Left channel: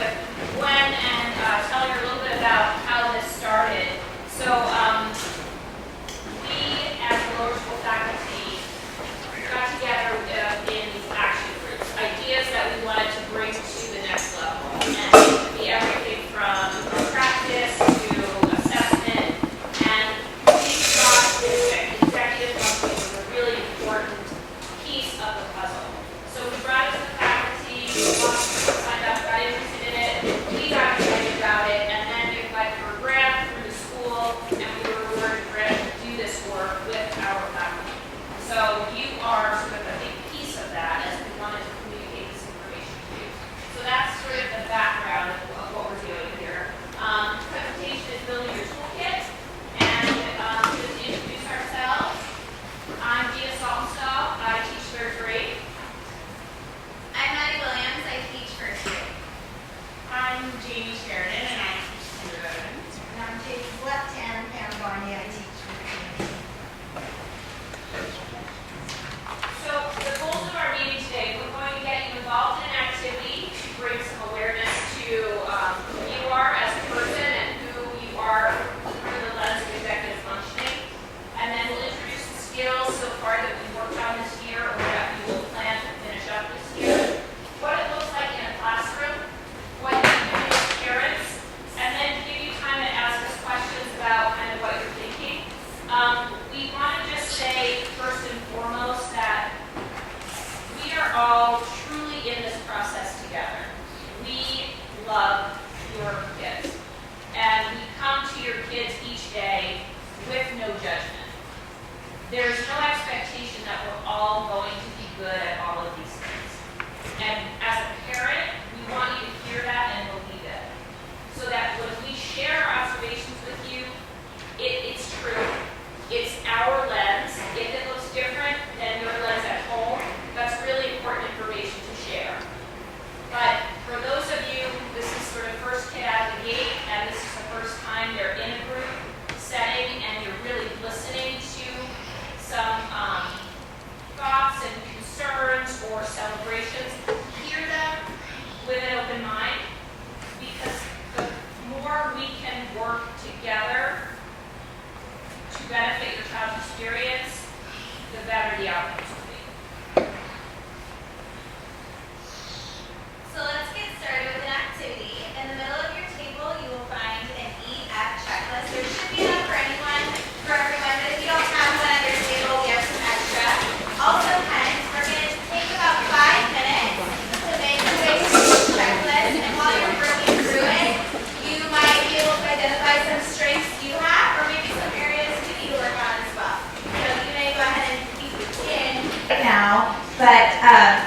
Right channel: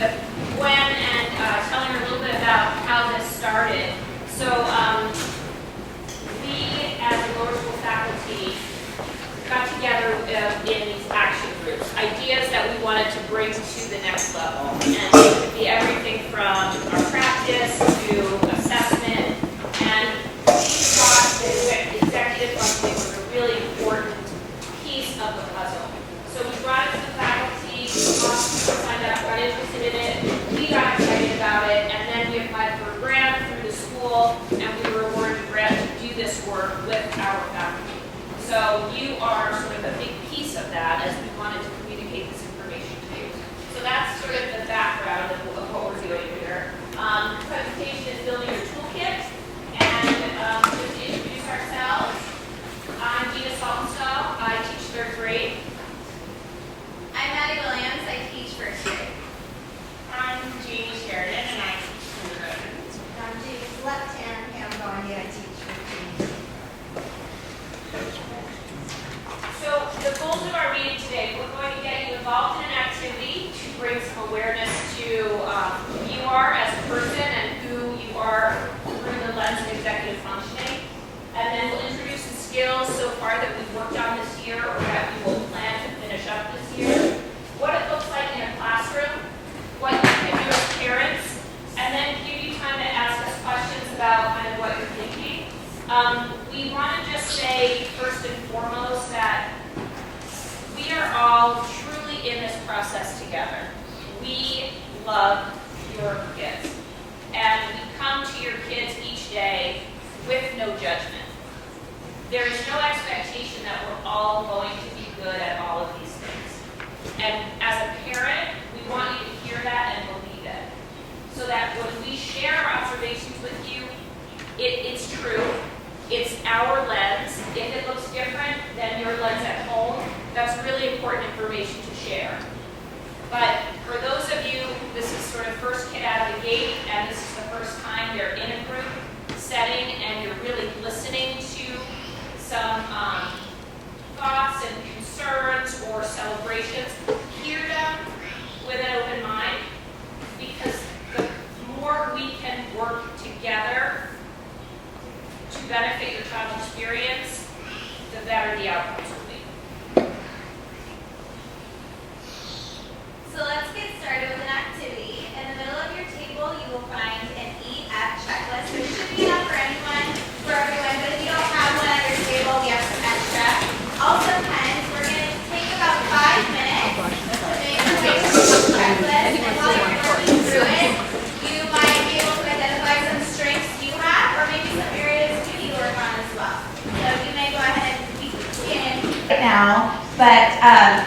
with Gwen and telling her a little bit about how this started. So we, as a lower school faculty, got together in these action groups, ideas that we wanted to bring to the next level. And it could be everything from our practice to assessment. And we thought that executive functioning was a really important piece of the puzzle. So we brought it to the faculty, lots of people signed up, got interested in it, we got excited about it, and then we applied for a grant through the school, and we were awarded a grant to do this work with our faculty. So you are sort of a big piece of that as we wanted to communicate this information to you. So that's sort of the background of what we're doing here. This presentation is building your toolkit, and to introduce ourselves, I'm Gina Saltonstall. I teach third grade. I'm Maddie Williams. I teach first grade. I'm Jamie Sheridan, and I teach kindergarten. And I'm Jacob Left-Hand, I'm Pam Barney, I teach 15. So the goals of our meeting today, we're going to get you involved in an activity to bring some awareness to who you are as a person and who you are through the lens of executive functioning. And then we'll introduce some skills so far that we've worked on this year or that we will plan to finish up this year. What it looks like in a classroom, what you can do as parents, and then give you time to ask us questions about kind of what you're thinking. We want to just say, first and foremost, that we are all truly in this process together. We love your kids. And we come to your kids each day with no judgment. There is no expectation that we're all going to be good at all of these things. And as a parent, we want you to hear that and believe it. So that when we share our observations with you, it's true. It's our lens. If it looks different than your lens at home, that's really important information to share. But for those of you, this is sort of first kid out of the gate, and this is the first time they're in a group setting, and you're really listening to some thoughts and concerns or celebrations, hear them with an open mind, because the more we can work together to benefit your child's experience, the better the outcomes will be. So let's get started with an activity. In the middle of your table, you will find an EF checklist. There should be enough for everyone, but if you don't have one at your table, we have some extra. Also, pens. We're going to take about 5 minutes to make your way through this checklist, and while you're working through it, you might be able to identify some strengths you have, or maybe some areas you need to work on as well. So you may go ahead and begin right now, but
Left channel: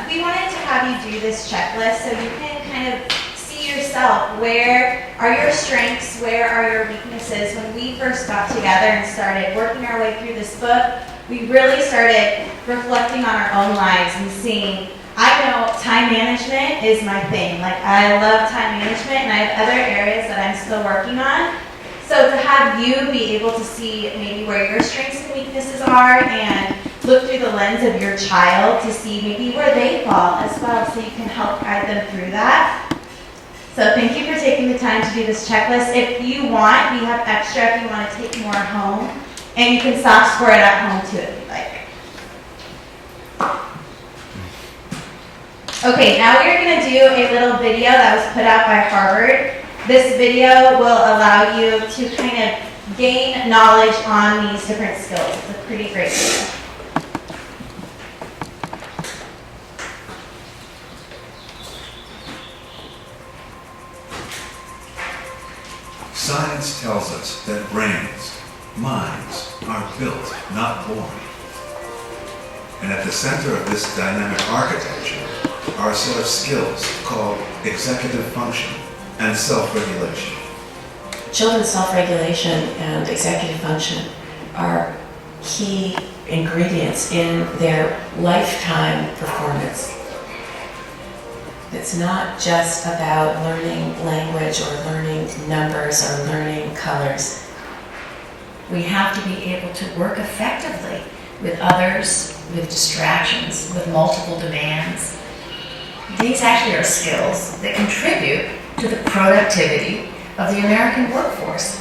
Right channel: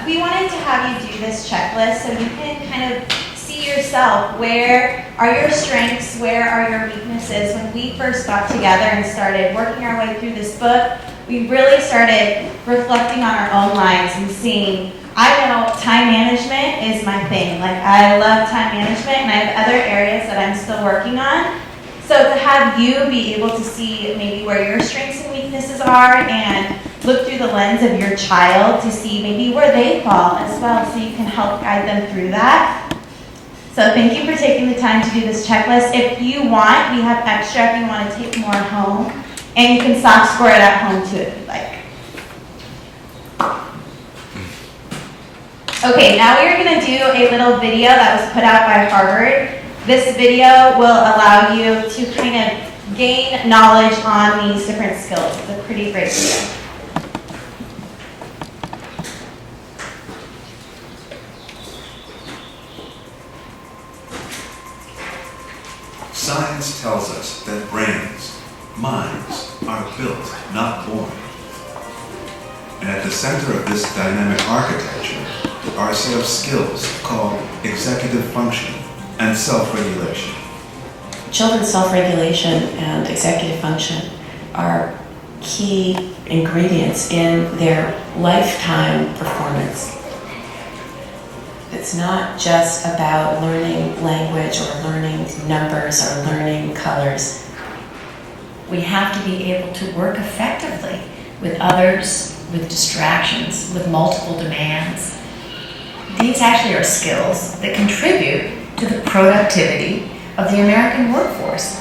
we wanted to have you do this checklist so you can kind of see yourself. Where are your strengths? Where are your weaknesses? When we first got together and started working our way through this book, we really started reflecting on our own lives and seeing, I know time management is my thing. Like, I love time management, and I have other areas that I'm still working on. So to have you be able to see maybe where your strengths and weaknesses are and look through the lens of your child to see maybe where they fall as well, so you can help guide them through that. So thank you for taking the time to do this checklist. If you want, we have extra if you want to take more home, and you can soft score it at home too if you'd like. Okay, now we're going to do a little video that was put out by Harvard. This video will allow you to kind of gain knowledge on these different skills. It's a pretty great video. Science tells us that brains, minds, are built, not born. And at the center of this dynamic architecture are a set of skills called executive function and self-regulation. Children's self-regulation and executive function are key ingredients in their lifetime performance. It's not just about learning language or learning numbers or learning colors. We have to be able to work effectively with others, with distractions, with multiple demands. These actually are skills that contribute to to the productivity of the American workforce.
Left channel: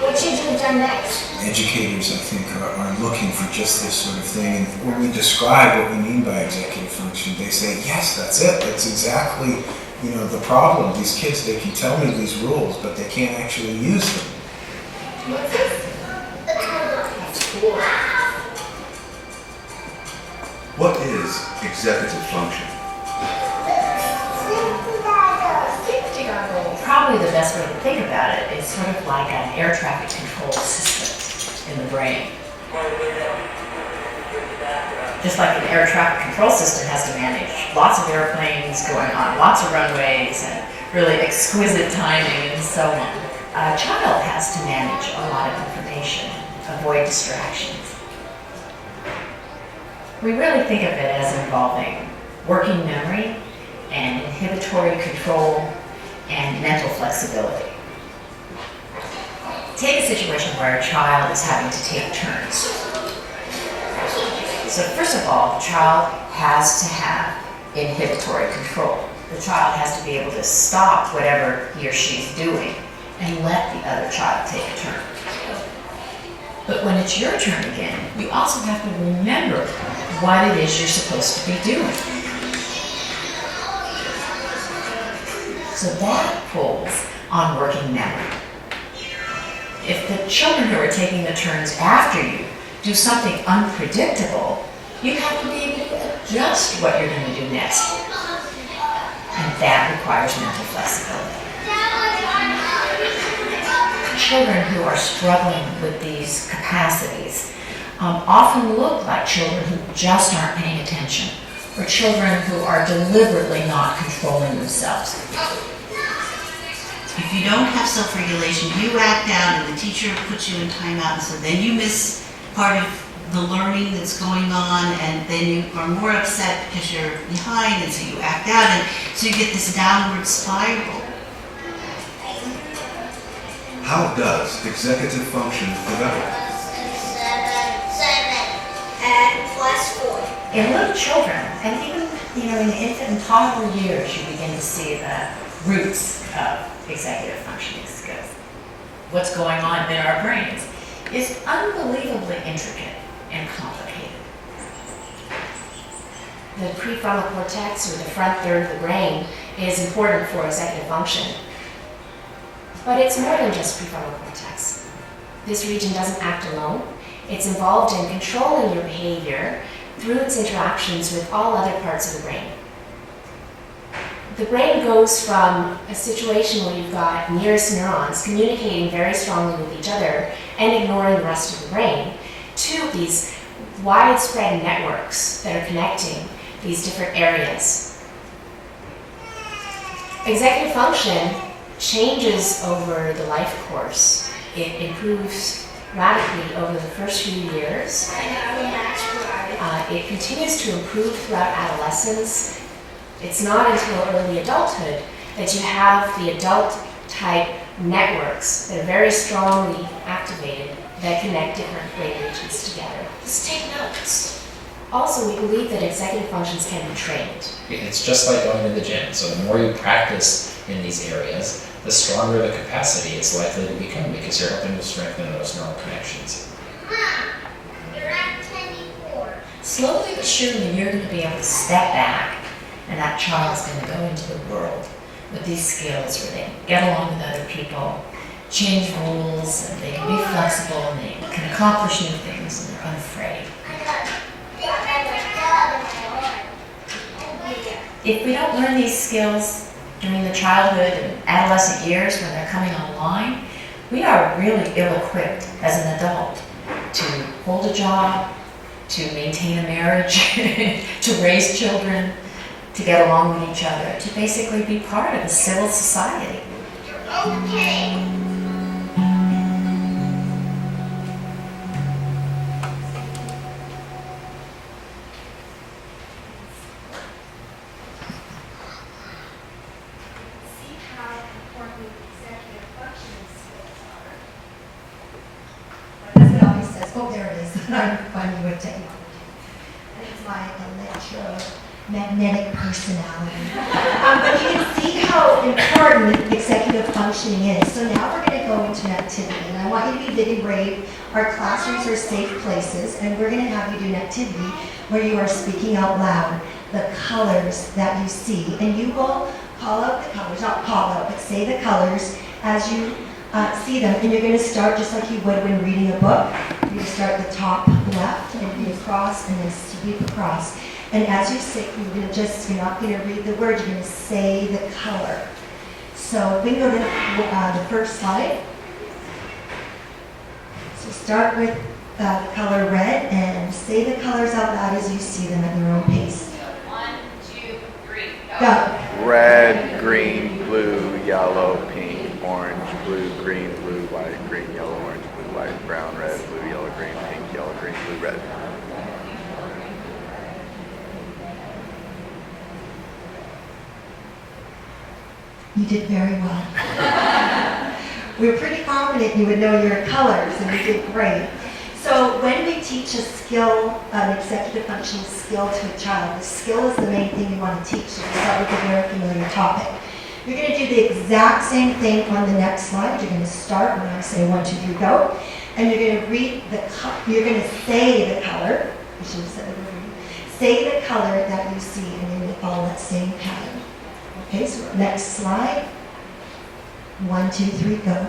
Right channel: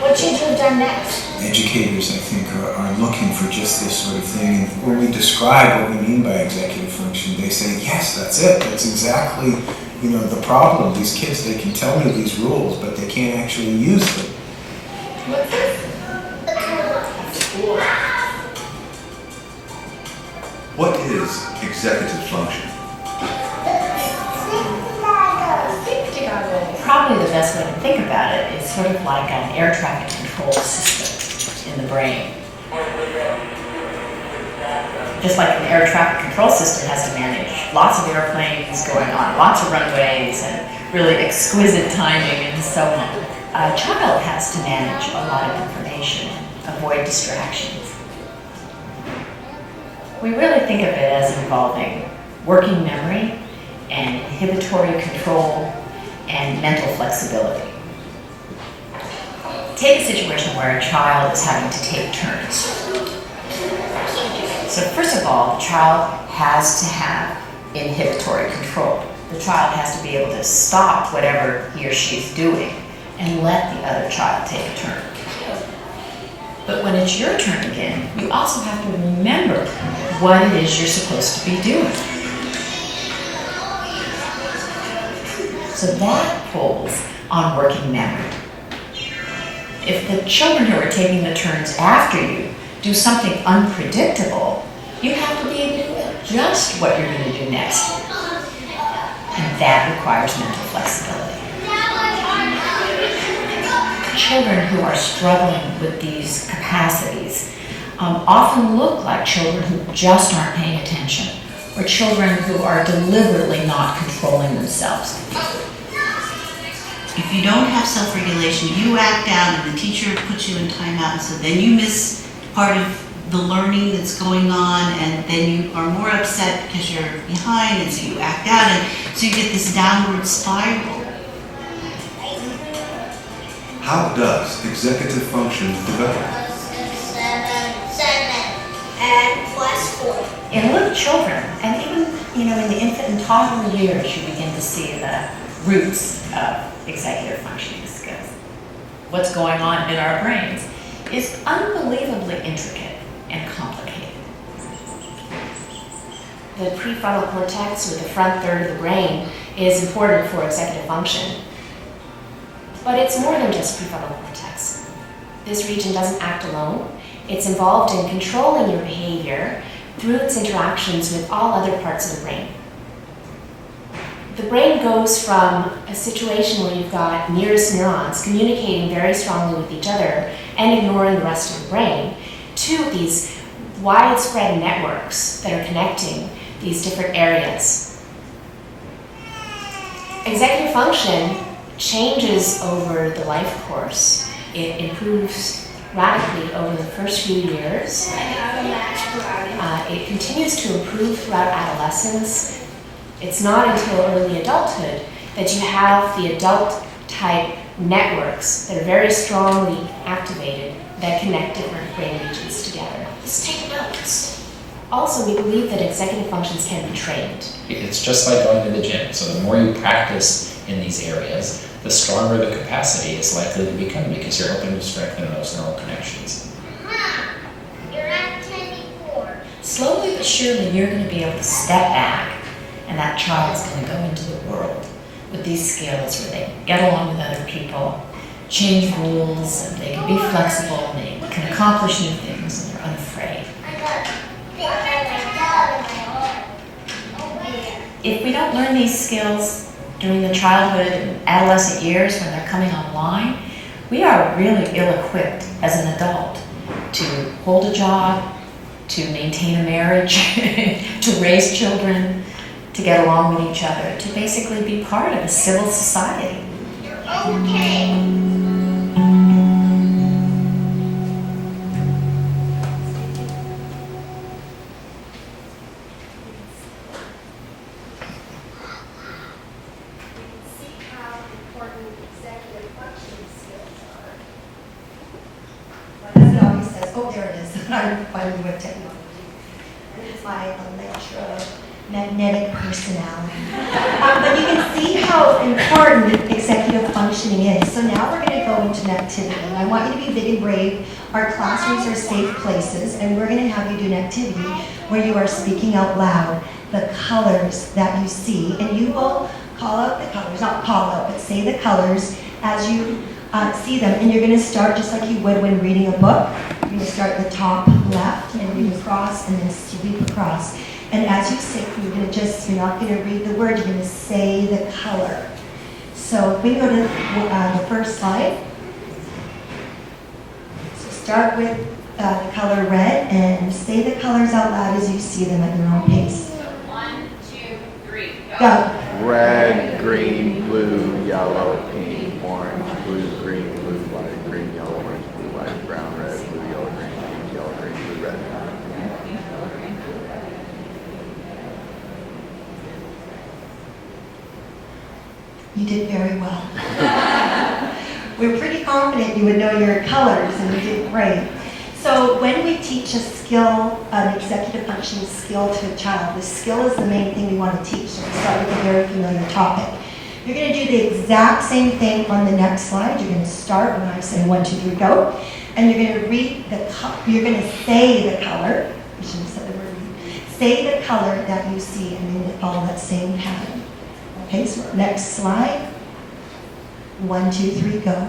What should you have done next? Educators, I think, are looking for just this sort of thing. And when we describe what we mean by executive function, they say, yes, that's it. That's exactly, the problem. These kids, they can tell me these rules, but they can't actually use them. What is executive function? Probably the best way to think about it is sort of like an air traffic control system in the brain. Just like an air traffic control system has to manage lots of airplanes going on, lots of runways, and really exquisite timing and so on. A child has to manage a lot of information, avoid distractions. We really think of it as involving working memory and inhibitory control and mental flexibility. Take a situation where a child is having to take turns. So first of all, the child has to have inhibitory control. The child has to be able to stop whatever he or she is doing and let the other child take a turn. But when it's your turn again, you also have to remember what it is you're supposed to be doing. So that pulls on working memory. If the children who are taking the turns after you do something unpredictable, you have to be able to adjust what you're going to do next. And that requires mental flexibility. Children who are struggling with these capacities often look like children who just aren't paying attention, or children who are deliberately not controlling themselves. If you don't have self-regulation, you act out and the teacher puts you in timeout, and so then you miss part of the learning that's going on, and then you are more upset because you're behind, and so you act out, and so you get this downward spiral. How does executive function develop? 7 and plus 4. In little children, and even in the infant and toddler years, you begin to see the roots of executive functioning skills. What's going on in our brains is unbelievably intricate and complicated. The prefrontal cortex, or the front third of the brain, is important for executive function. But it's more than just prefrontal cortex. This region doesn't act alone. It's involved in controlling your behavior through its interactions with all other parts of the brain. The brain goes from a situation where you've got nearest neurons communicating very strongly with each other and ignoring the rest of the brain, to these widespread networks that are connecting these different areas. Executive function changes over the life course. It improves radically over the first few years. It continues to improve throughout adolescence. It's not until early adulthood that you have the adult-type networks that are very strongly activated that connect different brain regions together. Let's take notes. Also, we believe that executive functions can be trained. It's just like going to the gym. So the more you practice in these areas, the stronger the capacity is likely to become, because you're helping to strengthen those neural connections. You're at 24. Slowly but surely, you're going to be able to step back, and that child's going to go into the world with these skills where they get along with other people, change rules, and they can be flexible, and they can accomplish new things, and they're unafraid. If we don't learn these skills during the childhood and adolescent years when they're coming online, we are really ill-equipped as an adult to hold a job, to maintain a marriage, to raise children, to get along with each other, to basically be part of a civil society. Okay. Oh, there it is. I'm finding with technology. And it's my lecture magnetic personality. But you can see how important executive functioning is. So now we're going to go into an activity. And I want you to be very brave. Our classrooms are safe places, and we're going to have you do an activity where you are speaking out loud the colors that you see. And you will call out the colors, not call out, but say the colors as you see them. And you're going to start just like you would when reading a book. You're going to start at the top left and read across and then sweep across. And as you say, you're not going to read the word, you're going to say the color. So we go to the first slide. So start with the color red and say the colors out loud as you see them at your own pace. 1, 2, 3, Go. Red, green, blue, yellow, pink, orange, blue, green, white, green, yellow, orange, blue, white, brown, red, blue, yellow, green, pink, yellow, green, blue, red. You did very well. We're pretty confident you would know your colors, and you did great. So when we teach a skill, an executive function skill to a child, the skill is the main thing we want to teach. So we start with a very familiar topic. You're going to do the exact same thing on the next slide. You're going to start when I say 1, 2, 3, go. And you're going to read you're going to say the color. I should have said the word. Say the color that you see, and you're going to follow that same pattern. Okay, so next slide. 1, 2, 3, go.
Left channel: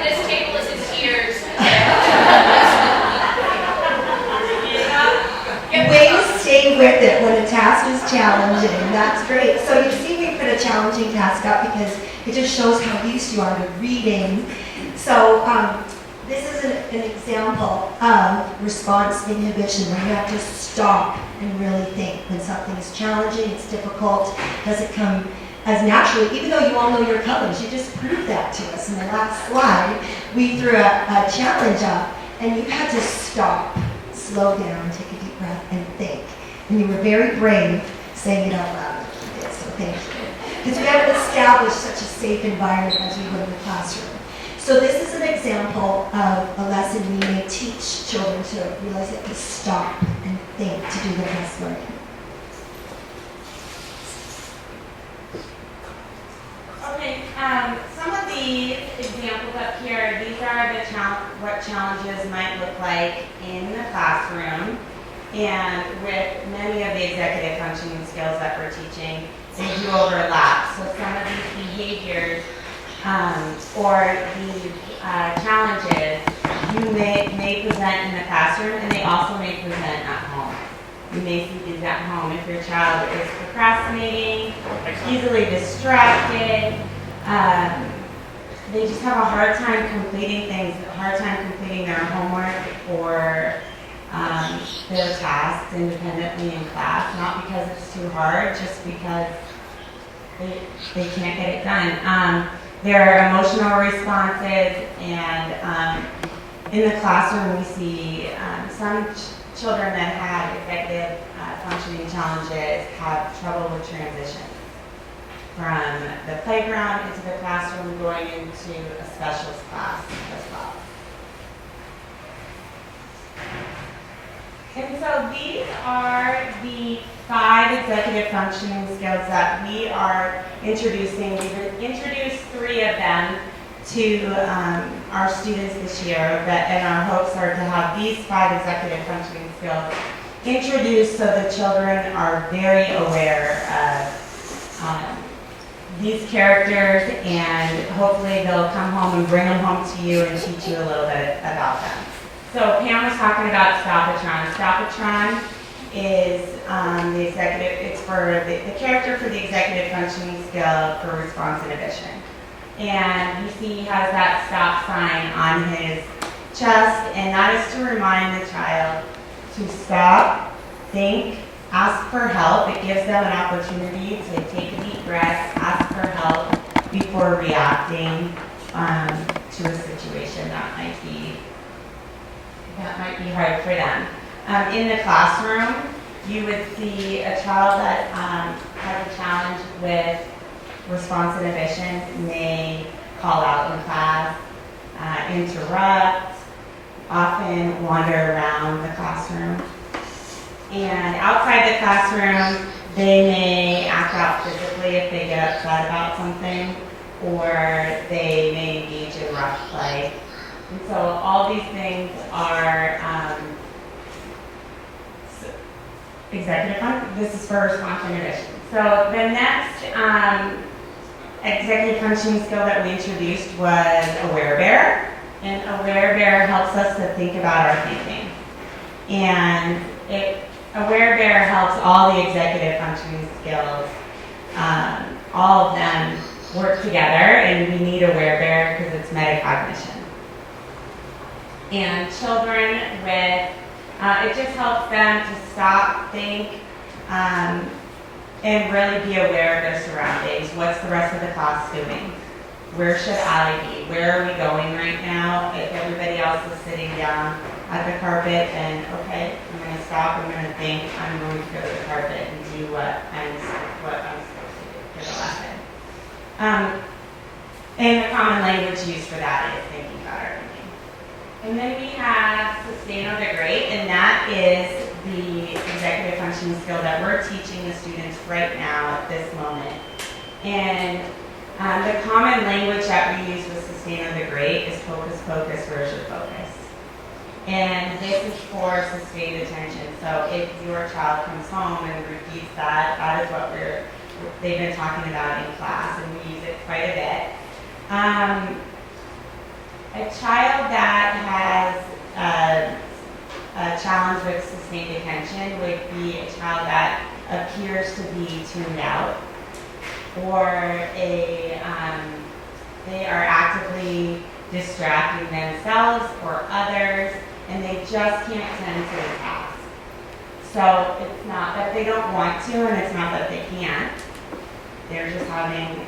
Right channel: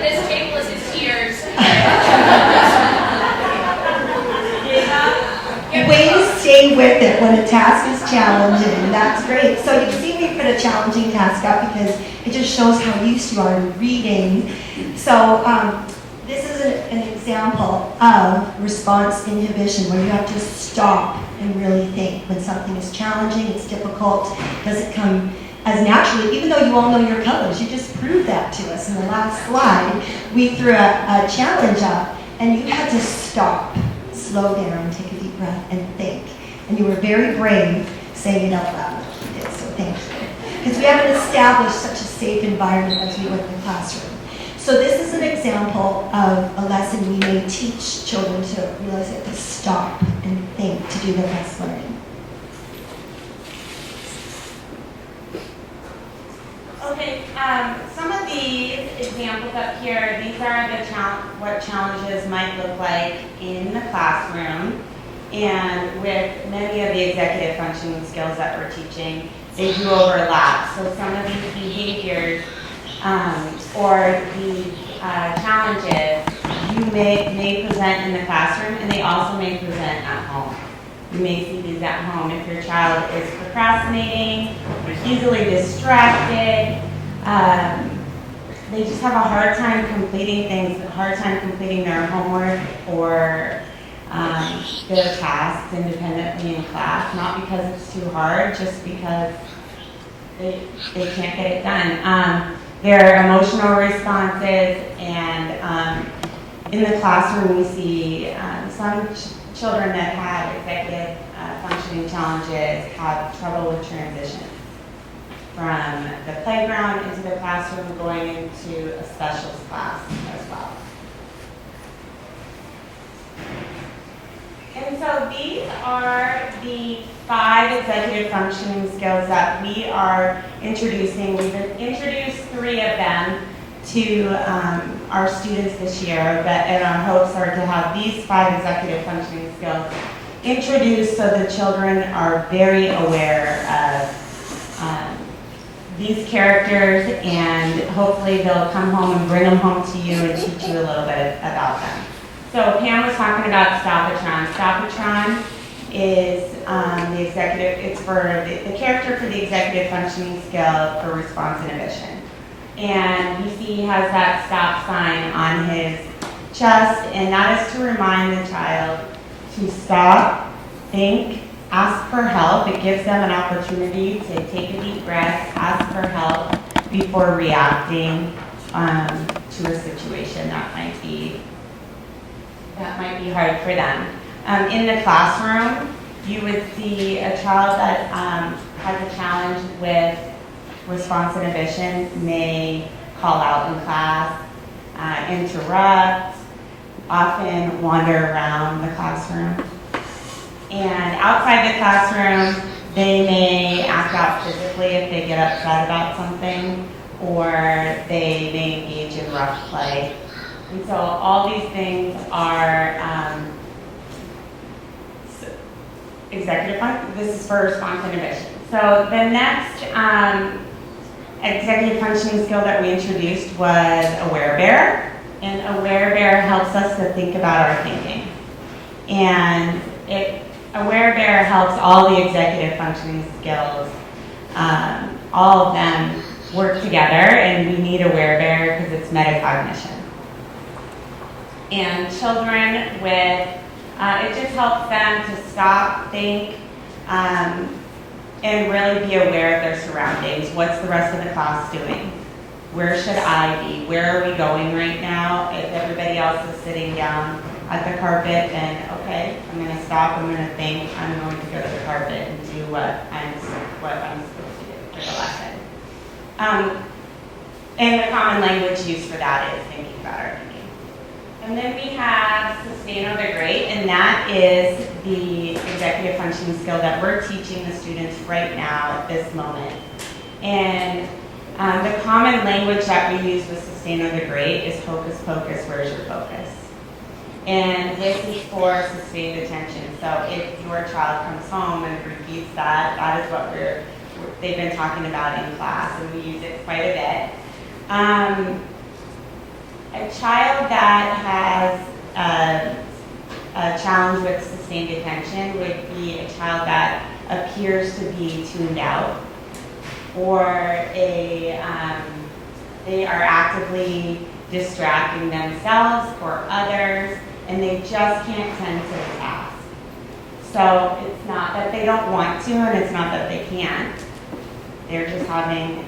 This table is in tears. Ways stay with it when a task is challenging. That's great. So you see we put a challenging task up because it just shows how used you are to reading. So this is an example of response inhibition where you have to stop and really think. When something is challenging, it's difficult, does it come as naturally, even though you all know your colors. You just proved that to us in the last slide. We threw a challenge up and you had to stop, slow down, take a deep breath, and think. And you were very brave saying it out loud. You did, so thank you. Because we haven't established such a safe environment as we would in the classroom. So this is an example of a lesson we may teach children to realize that to stop and think to do their best learning. Okay, some of these examples up here, these are what challenges might look like in the classroom. And with many of the executive functioning skills that we're teaching, they do overlap. So some of these behaviors or these challenges you may present in the classroom, and they also may present at home. You may see these at home if your child is procrastinating, easily distracted, they just have a hard time completing things, a hard time completing their homework or their tasks independently in class, not because it's too hard, just because they can't get it done. Their emotional responses, and in the classroom we see some children that have executive functioning challenges have trouble with transition from the playground into the classroom, going into a specialist class as well. And so these are the 5 executive functioning skills that we are introducing. We've introduced 3 of them to our students this year, and our hopes are to have these 5 executive functioning skills introduced so the children are very aware of these characters, and hopefully they'll come home and bring them home to you and teach you a little bit about them. So Pam was talking about Stop-A-Tron. Stop-A-Tron is the executive, it's for the character for the executive functioning skill for response inhibition. And you see he has that stop sign on his chest, and that is to remind the child to stop, think, ask for help. It gives them an opportunity to take a deep breath, ask for help before reacting to a situation that might be hard for them. In the classroom, you would see a child that has a challenge with response inhibition may call out in class, interrupt, often wander around the classroom. And outside the classroom, they may act out physically if they get upset about something, or they may engage in rough play. And so all these things are executive function. This is for response inhibition. So the next executive functioning skill that we introduced was AwareBear. And AwareBear helps us to think about our thinking. And AwareBear helps all the executive functioning skills, all of them work together, and we need AwareBear because it's metacognition. And children with, it just helps them to stop, think, and really be aware of their surroundings. What's the rest of the class doing? Where should I be? Where are we going right now? If everybody else is sitting down at the carpet, then okay, I'm going to stop, I'm going to think, I'm going to go to the carpet and do what I'm supposed to do for the lesson. And the common language used for that is thinking about our thinking. And then we have sustain or degrade, and that is the executive functioning skill that we're teaching the students right now at this moment. And the common language that we use with sustain or degrade is focus, focus, where's your focus? And this is for sustained attention. So if your child comes home and repeats that, that is what they've been talking about in class, and we use it quite a bit. A child that has a challenge with sustained attention would be a child that appears to be tuned out, or they are actively distracting themselves or others, and they just can't tend to the task. So it's not that they don't want to, and it's not that they can't. They're just having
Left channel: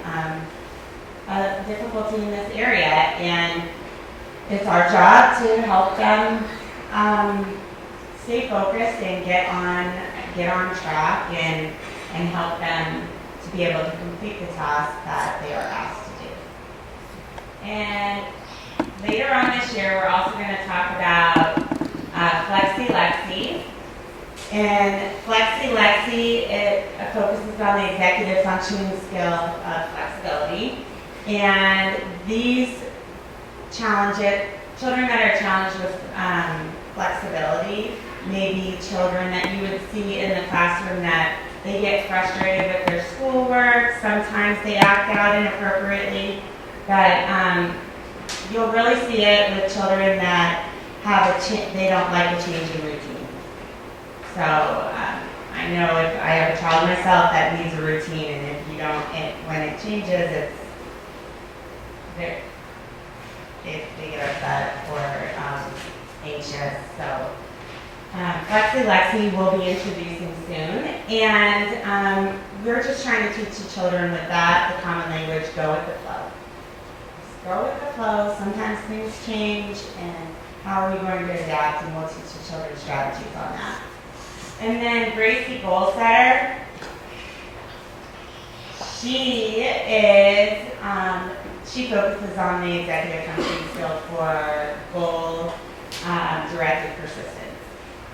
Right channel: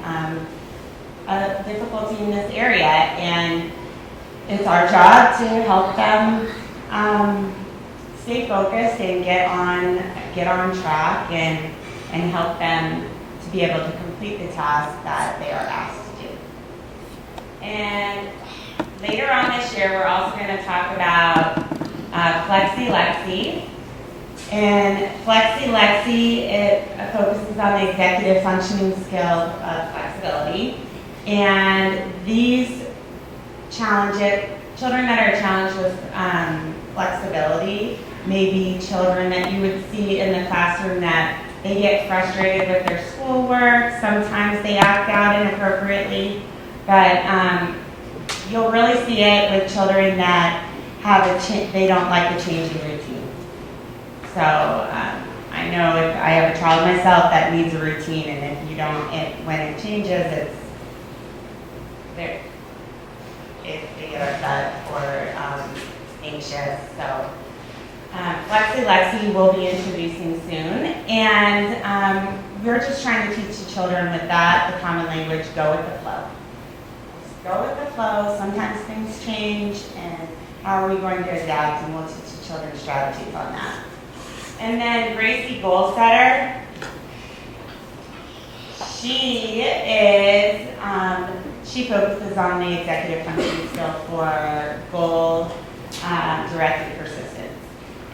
a difficulty in this area, and it's our job to help them stay focused and get on track and help them to be able to complete the task that they are asked to do. And later on this year, we're also going to talk about Flexi-Lexi. And Flexi-Lexi, it focuses on the executive functioning skill of flexibility. And these children that are challenged with flexibility may be children that you would see in the classroom that they get frustrated with their schoolwork. Sometimes they act out inappropriately, but you'll really see it with children that they don't like a changing routine. So I know I have a child myself that needs a routine, and if you don't, when it changes, they get upset or anxious. So Flexi-Lexi will be introducing soon, and we're just trying to teach the children with that, the common language, go with the flow. Just go with the flow. Sometimes things change, and how are we going to adapt, and we'll teach the children strategies on that. And then Gracie Goalsetter, she focuses on the executive functioning skill for goal directed persistence.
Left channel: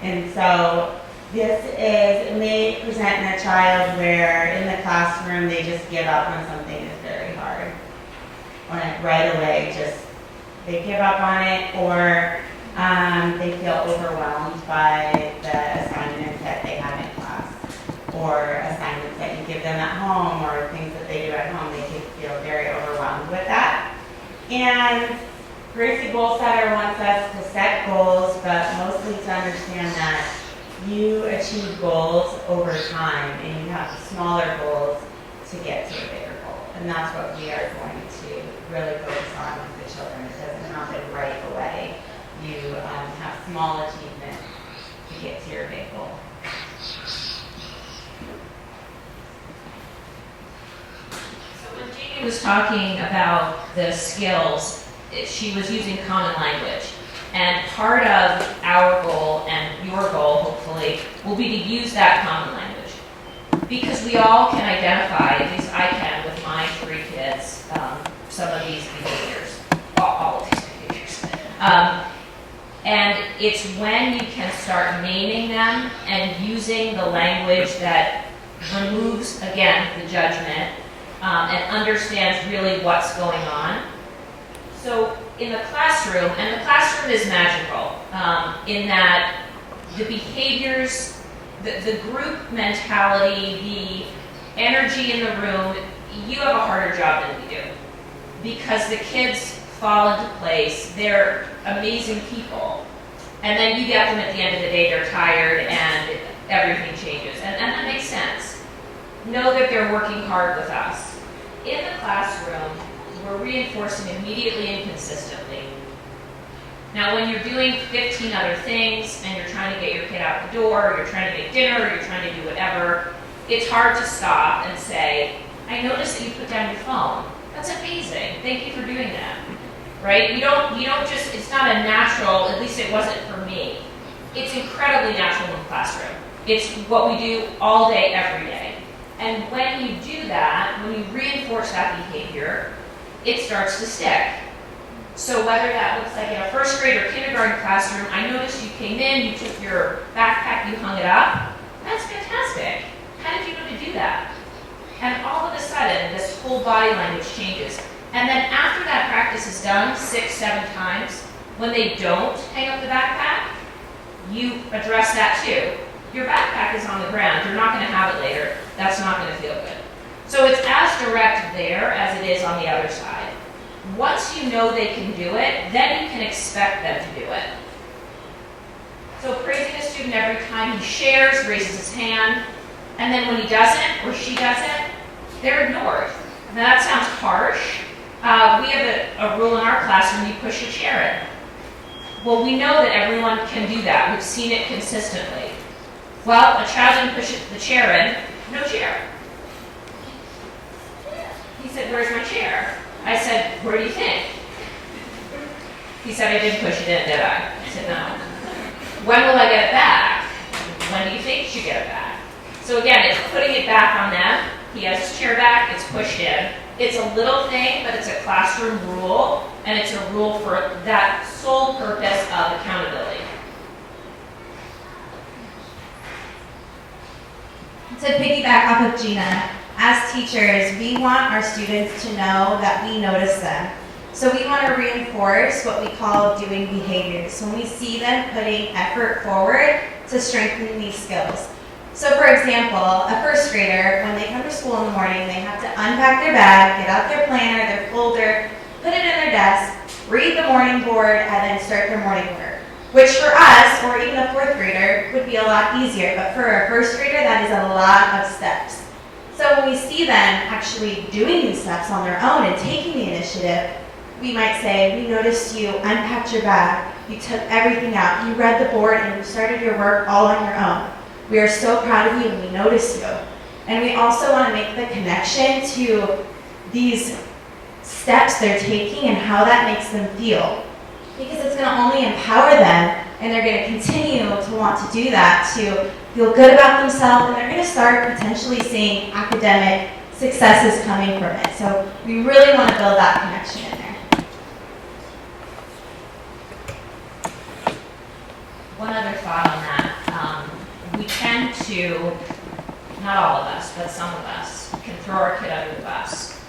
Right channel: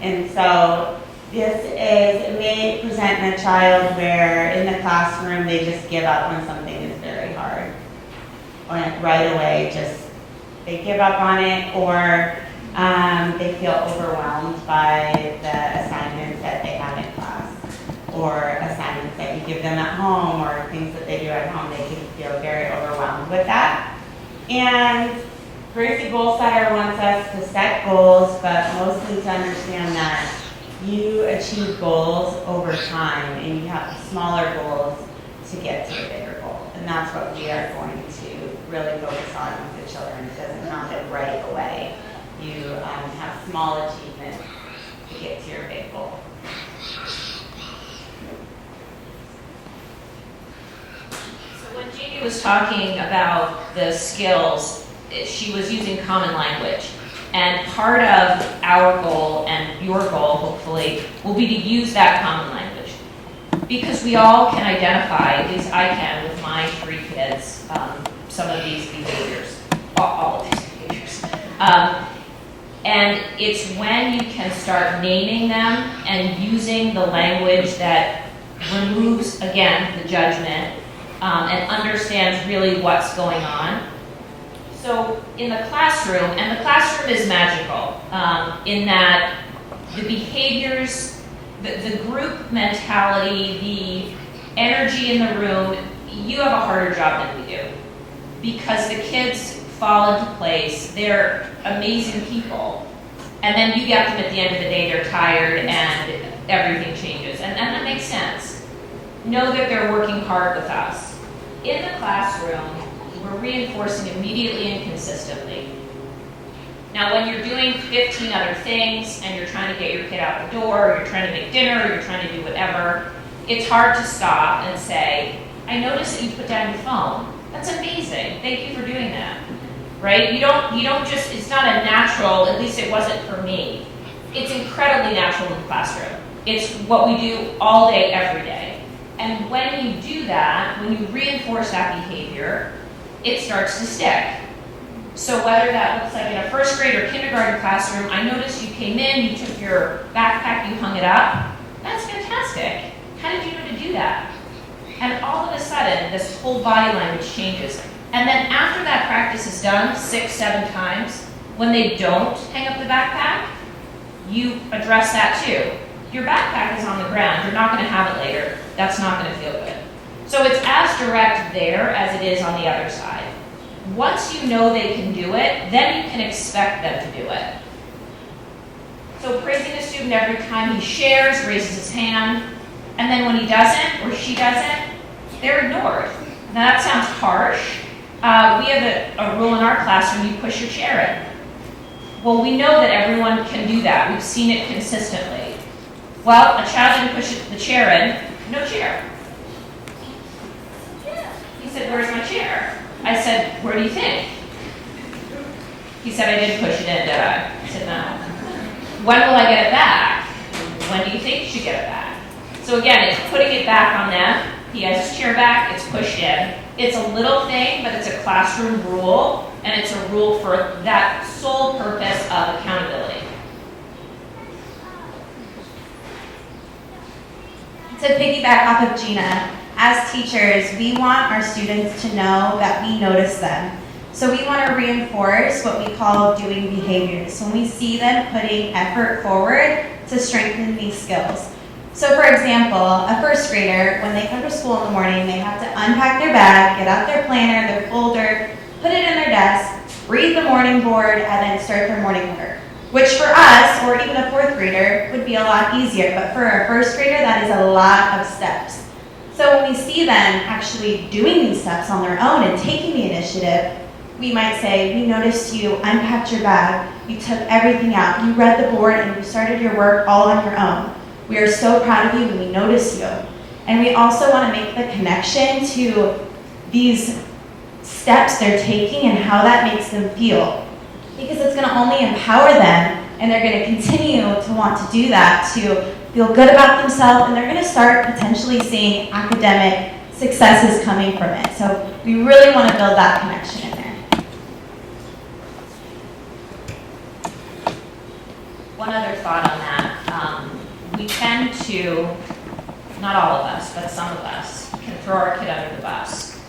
And so it may present in a child where in the classroom they just give up when something is very hard. Or right away, they give up on it, or they feel overwhelmed by the assignments that they have in class, or assignments that you give them at home, or things that they do at home. They can feel very overwhelmed with that. And Gracie Goalsetter wants us to set goals, but mostly to understand that you achieve goals over time, and you have smaller goals to get to a bigger goal. And that's what we are going to really focus on with the children, because it's not that right away you have small achievements to get to your big goal. Katie was talking about the skills, she was using common language. And part of our goal and your goal, hopefully, will be to use that common language. Because we all can identify, at least I can with my 3 kids, some of these behaviors, all of these behaviors. And it's when you can start naming them and using the language that removes, again, the judgment and understands really what's going on. So in the classroom, and the classroom is magical in that the behaviors, the group mentality, the energy in the room, you have a harder job than we do because the kids fall into place. They're amazing people. And then you get them at the end of the day, they're tired and everything changes. And that makes sense. Know that they're working hard with us. In the classroom, we're reinforcing immediately and consistently. Now, when you're doing 15 other things and you're trying to get your kid out the door, or you're trying to make dinner, or you're trying to do whatever, it's hard to stop and say, I noticed that you put down your phone. That's amazing. Thank you for doing that. Right? You don't just, it's not a natural, at least it wasn't for me. It's incredibly natural in the classroom. It's what we do all day, every day. And when you do that, when you reinforce that behavior, it starts to stick. So whether that looks like in a first grade or kindergarten classroom, I noticed you came in, you took your backpack, you hung it up. That's fantastic. How did you know to do that? And all of a sudden, this whole body language changes. And then after that practice is done 6, 7 times, when they don't hang up the backpack, you address that too. Your backpack is on the ground. You're not going to have it later. That's not going to feel good. So it's as direct there as it is on the other side. Once you know they can do it, then you can expect them to do it. So praising a student every time he shares, raises his hand, and then when he doesn't or she doesn't, they're ignored. Now that sounds harsh. We have a rule in our classroom, you push your chair in. Well, we know that everyone can do that. We've seen it consistently. Well, a child didn't push the chair in, no chair. He said, where's my chair? I said, where do you think? He said, I didn't push it in, did I? I said, no. When will I get it back? When do you think you should get it back? So again, it's putting it back on them. He has his chair back, it's pushed in. It's a little thing, but it's a classroom rule, and it's a rule for that sole purpose of accountability. To piggyback off of Gina, as teachers, we want our students to know that we notice them. So we want to reinforce what we call doing behaviors when we see them putting effort forward to strengthen these skills. So for example, a first grader, when they come to school in the morning, they have to unpack their bag, get out their planner, their folder, put it in their desk, read the morning board, and then start their morning work. Which for us, or even a fourth grader, would be a lot easier. But for a first grader, that is a lot of steps. So when we see them actually doing these steps on their own and taking the initiative, we might say, we noticed you unpacked your bag, you took everything out, you read the board, and you started your work all on your own. We are so proud of you and we notice you. And we also want to make the connection to these steps they're taking and how that makes them feel. Because it's going to only empower them, and they're going to continue to want to do that, to feel good about themselves, and they're going to start potentially seeing academic successes coming from it. So we really want to build that connection in there. One other thought on that. We tend to, not all of us, but some of us, can throw our kid under the bus.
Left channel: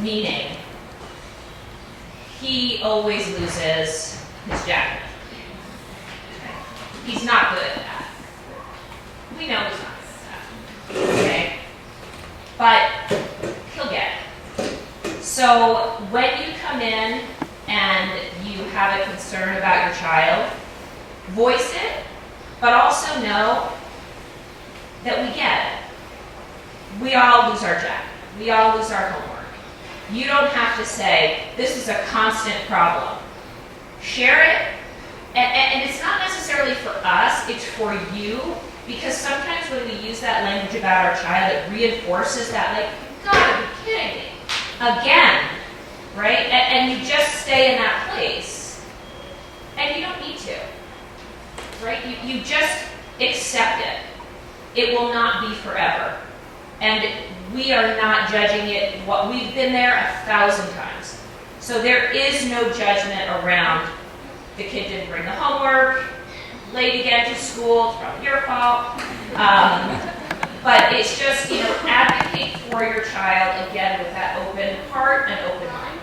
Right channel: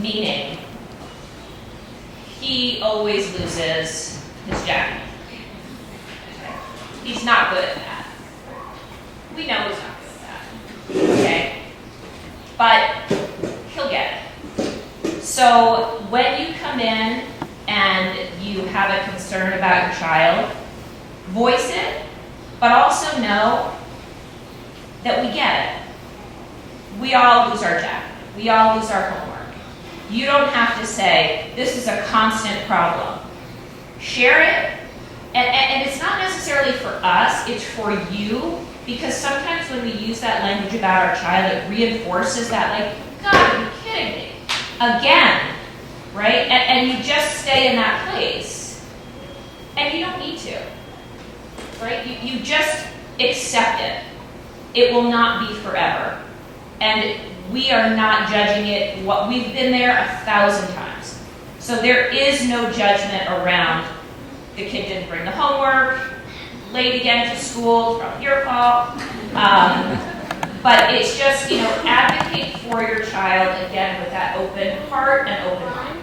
Meaning, he always loses his jacket. He's not good at that. We know he's not good at that. Okay? But he'll get it. So when you come in and you have a concern about your child, voice it, but also know that we get it. We all lose our jacket. We all lose our homework. You don't have to say, this is a constant problem. Share it, and it's not necessarily for us, it's for you, because sometimes when we use that language about our child, it reinforces that, like, God, are you kidding me? again, right? And you just stay in that place. And you don't need to, right? You just accept it. It will not be forever. And we are not judging it. We've been there 1,000 times. So there is no judgment around the kid didn't bring the homework, late again to school, it's probably your fault. But it's just, advocate for your child, again, with that open heart and open mind.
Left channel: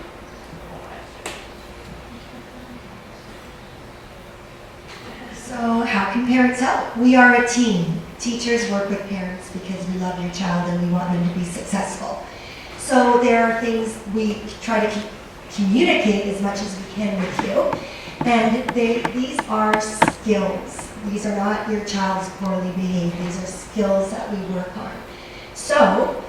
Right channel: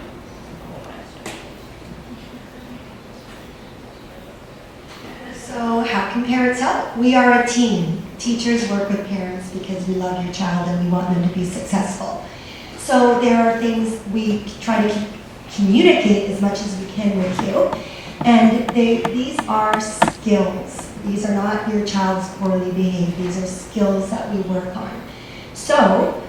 So how can parents help? We are a team. Teachers work with parents because we love your child and we want them to be successful. So there are things we try to communicate as much as we can with you. And these are skills. These are not your child's poorly behaved. These are skills that we work on. So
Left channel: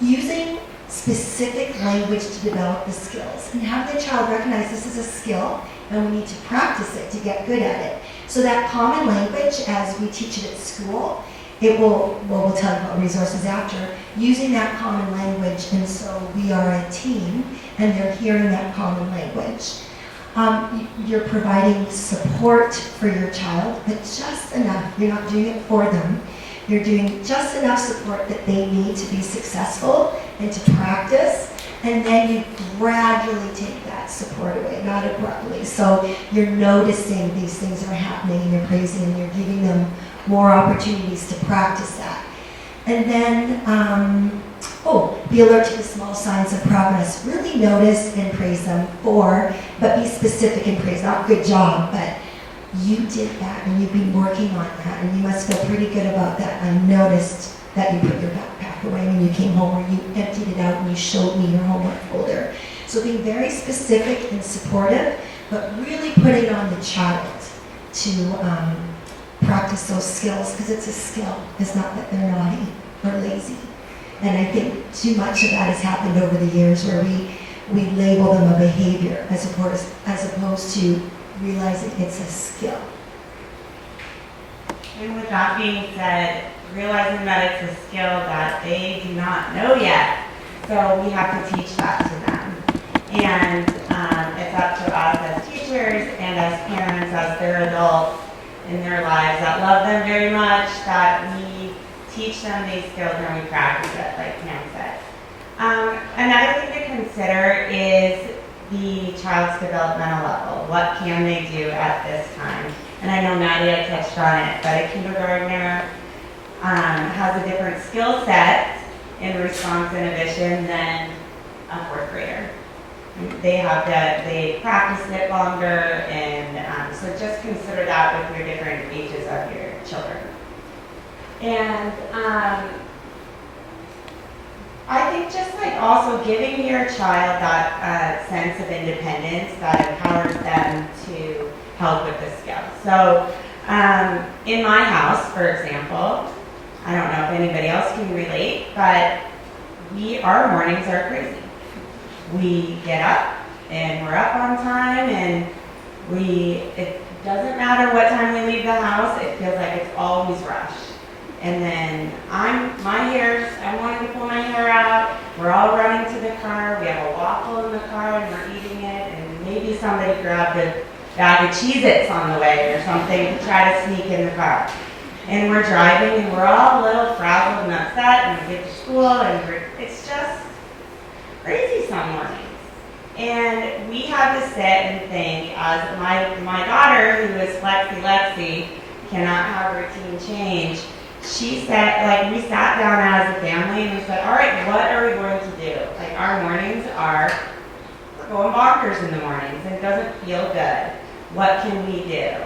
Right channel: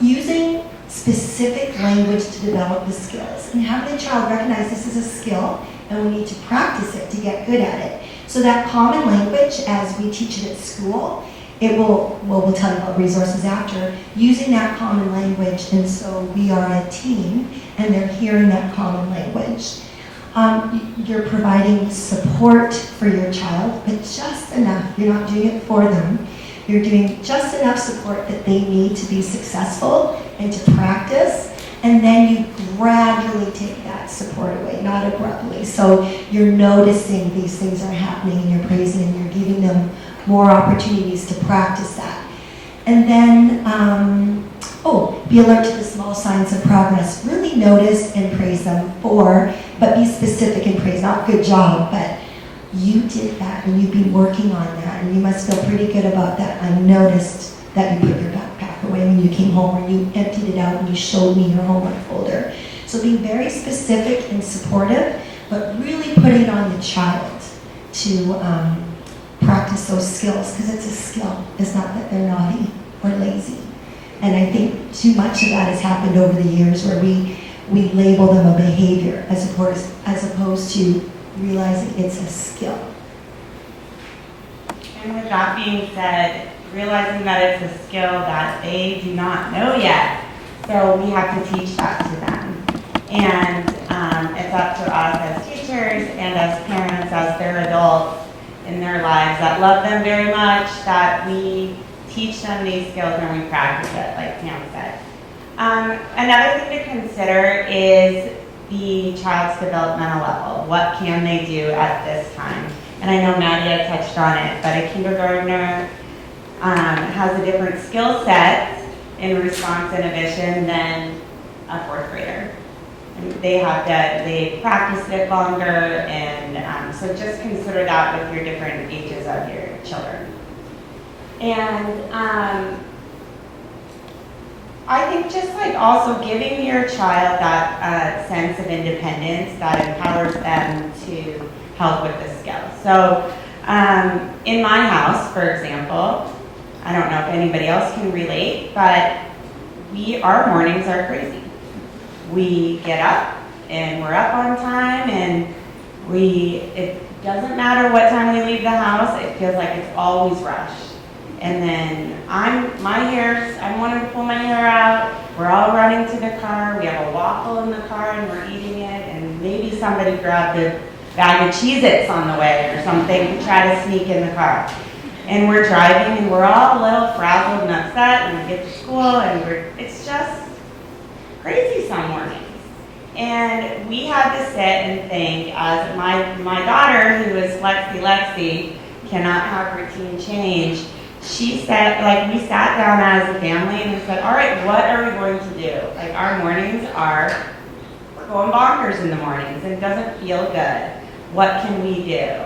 using specific language to develop the skills and have the child recognize this is a skill and we need to practice it to get good at it. So that common language, as we teach it at school, we'll tell you about resources after, using that common language, and so we are a team, and they're hearing that common language. You're providing support for your child, but just enough. You're not doing it for them. You're doing just enough support that they need to be successful and to practice, and then you gradually take that support away, not abruptly. So you're noticing these things are happening and you're praising and you're giving them more opportunities to practice that. And then, be alert to the small signs of progress. Really notice and praise them but be specific and praise. Not good job, but you did that and you've been working on that and you must feel pretty good about that. I noticed that you put your backpack away when you came home, or you emptied it out and you showed me your homework folder. So being very specific and supportive, but really putting on the child to practice those skills, because it's a skill. It's not that they're naughty or lazy. And I think too much of that has happened over the years where we label them a behavior as opposed to realizing it's a skill. And with that being said, realizing that it's a skill that they do not know yet, so we have to teach that to them. And it's up to us as teachers and as parents, as their adults in their lives that love them very much, that we teach them these skills and we practice it, like Pam said. Another thing to consider is the child's developmental level. What can they do at this time? And I know Nadia touched on it, but a kindergartner has a different skill set in response inhibition than a fourth grader. They practice it longer, and so just consider that with your different ages of your children. And I think just like also giving your child that sense of independence that empowers them to help with the skills. So in my house, for example, I don't know if anybody else can relate, but our mornings are crazy. We get up and we're up on time, and it doesn't matter what time we leave the house, it feels like it's always rushed. And then I'm wanting to pull my hair out, we're all running to the car, we have a waffle in the car and we're eating it, and maybe somebody grabbed a bag of Cheez-Its on the way or something to try to sneak in the car. And we're driving and we're all a little frazzled and upset, and we get to school and it's just crazy some mornings. And we had to sit and think, as my daughter, who is Lexi, cannot have routine change. She said, we sat down as a family and we said, all right, what are we going to do? Our mornings we're going bonkers in the mornings, and it doesn't feel good. What can we do?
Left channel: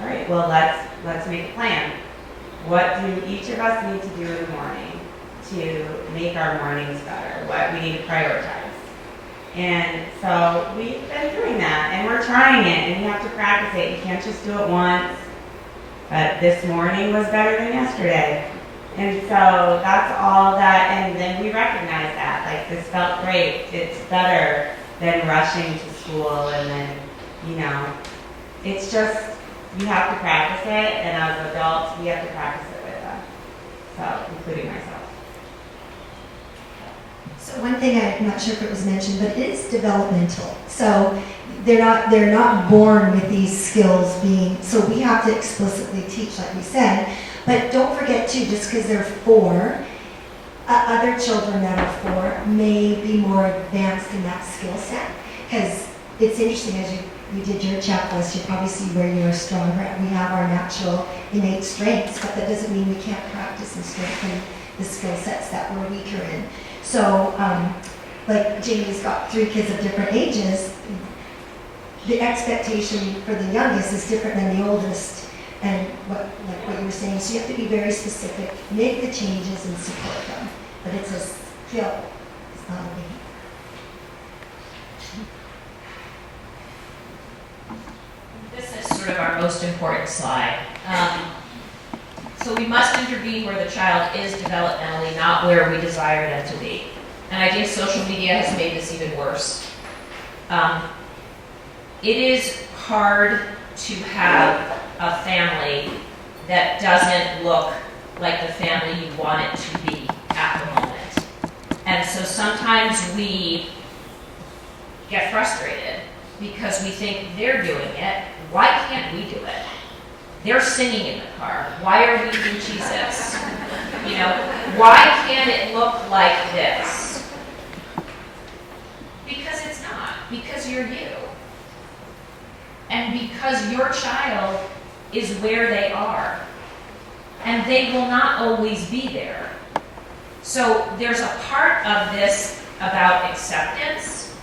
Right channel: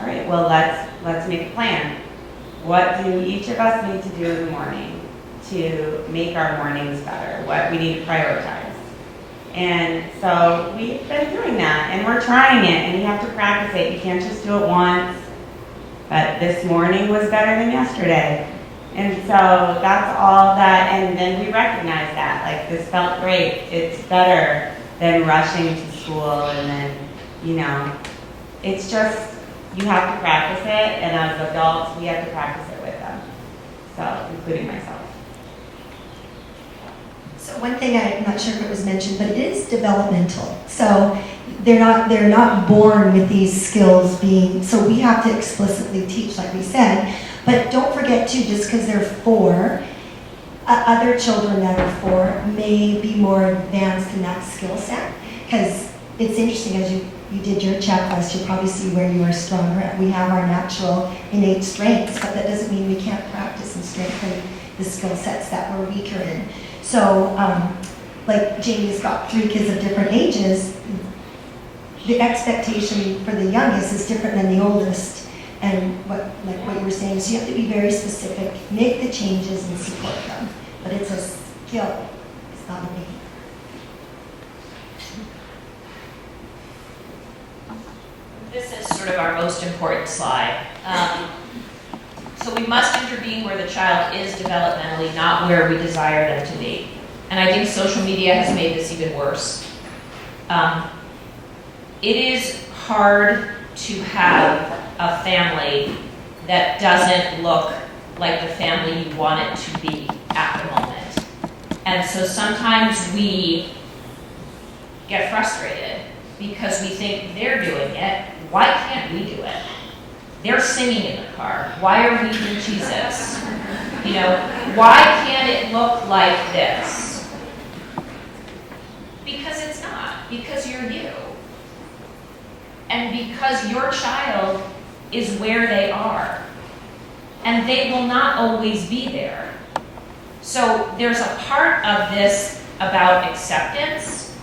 All right, well, let's make a plan. What do each of us need to do in the morning to make our mornings better? What we need to prioritize. And so we've been doing that, and we're trying it, and you have to practice it. You can't just do it once. But this morning was better than yesterday. And so that's all that, and then we recognize that. This felt great. It's better than rushing to school, and then, it's just, you have to practice it, and as adults, we have to practice it with them. So, including myself. So one thing I'm not sure if it was mentioned, but it is developmental. So they're not born with these skills being. So we have to explicitly teach, like we said. But don't forget too, just because they're 4, other children that are 4 may be more advanced in that skill set. Because it's interesting, as you did your checklist, you probably see where you are stronger. We have our natural innate strengths, but that doesn't mean we can't practice and strengthen the skill sets that we're weaker in. So, like Jamie's got 3 kids of different ages, the expectation for the youngest is different than the oldest. And what you were saying, so you have to be very specific, make the changes and support them. But it's a skill, it's not a behavior. This is sort of our most important slide. So we must intervene where the child is developmentally, not where we desire them to be. And I think social media has made this even worse. It is hard to have a family that doesn't look like the family you want it to be at the moment. And so sometimes we get frustrated because we think they're doing it. Why can't we do it? They're singing in the car. Why are we eating Cheez-Its? Why can't it look like this? Because it's not. Because you're you. And because your child is where they are. And they will not always be there. So there's a part of this about acceptance.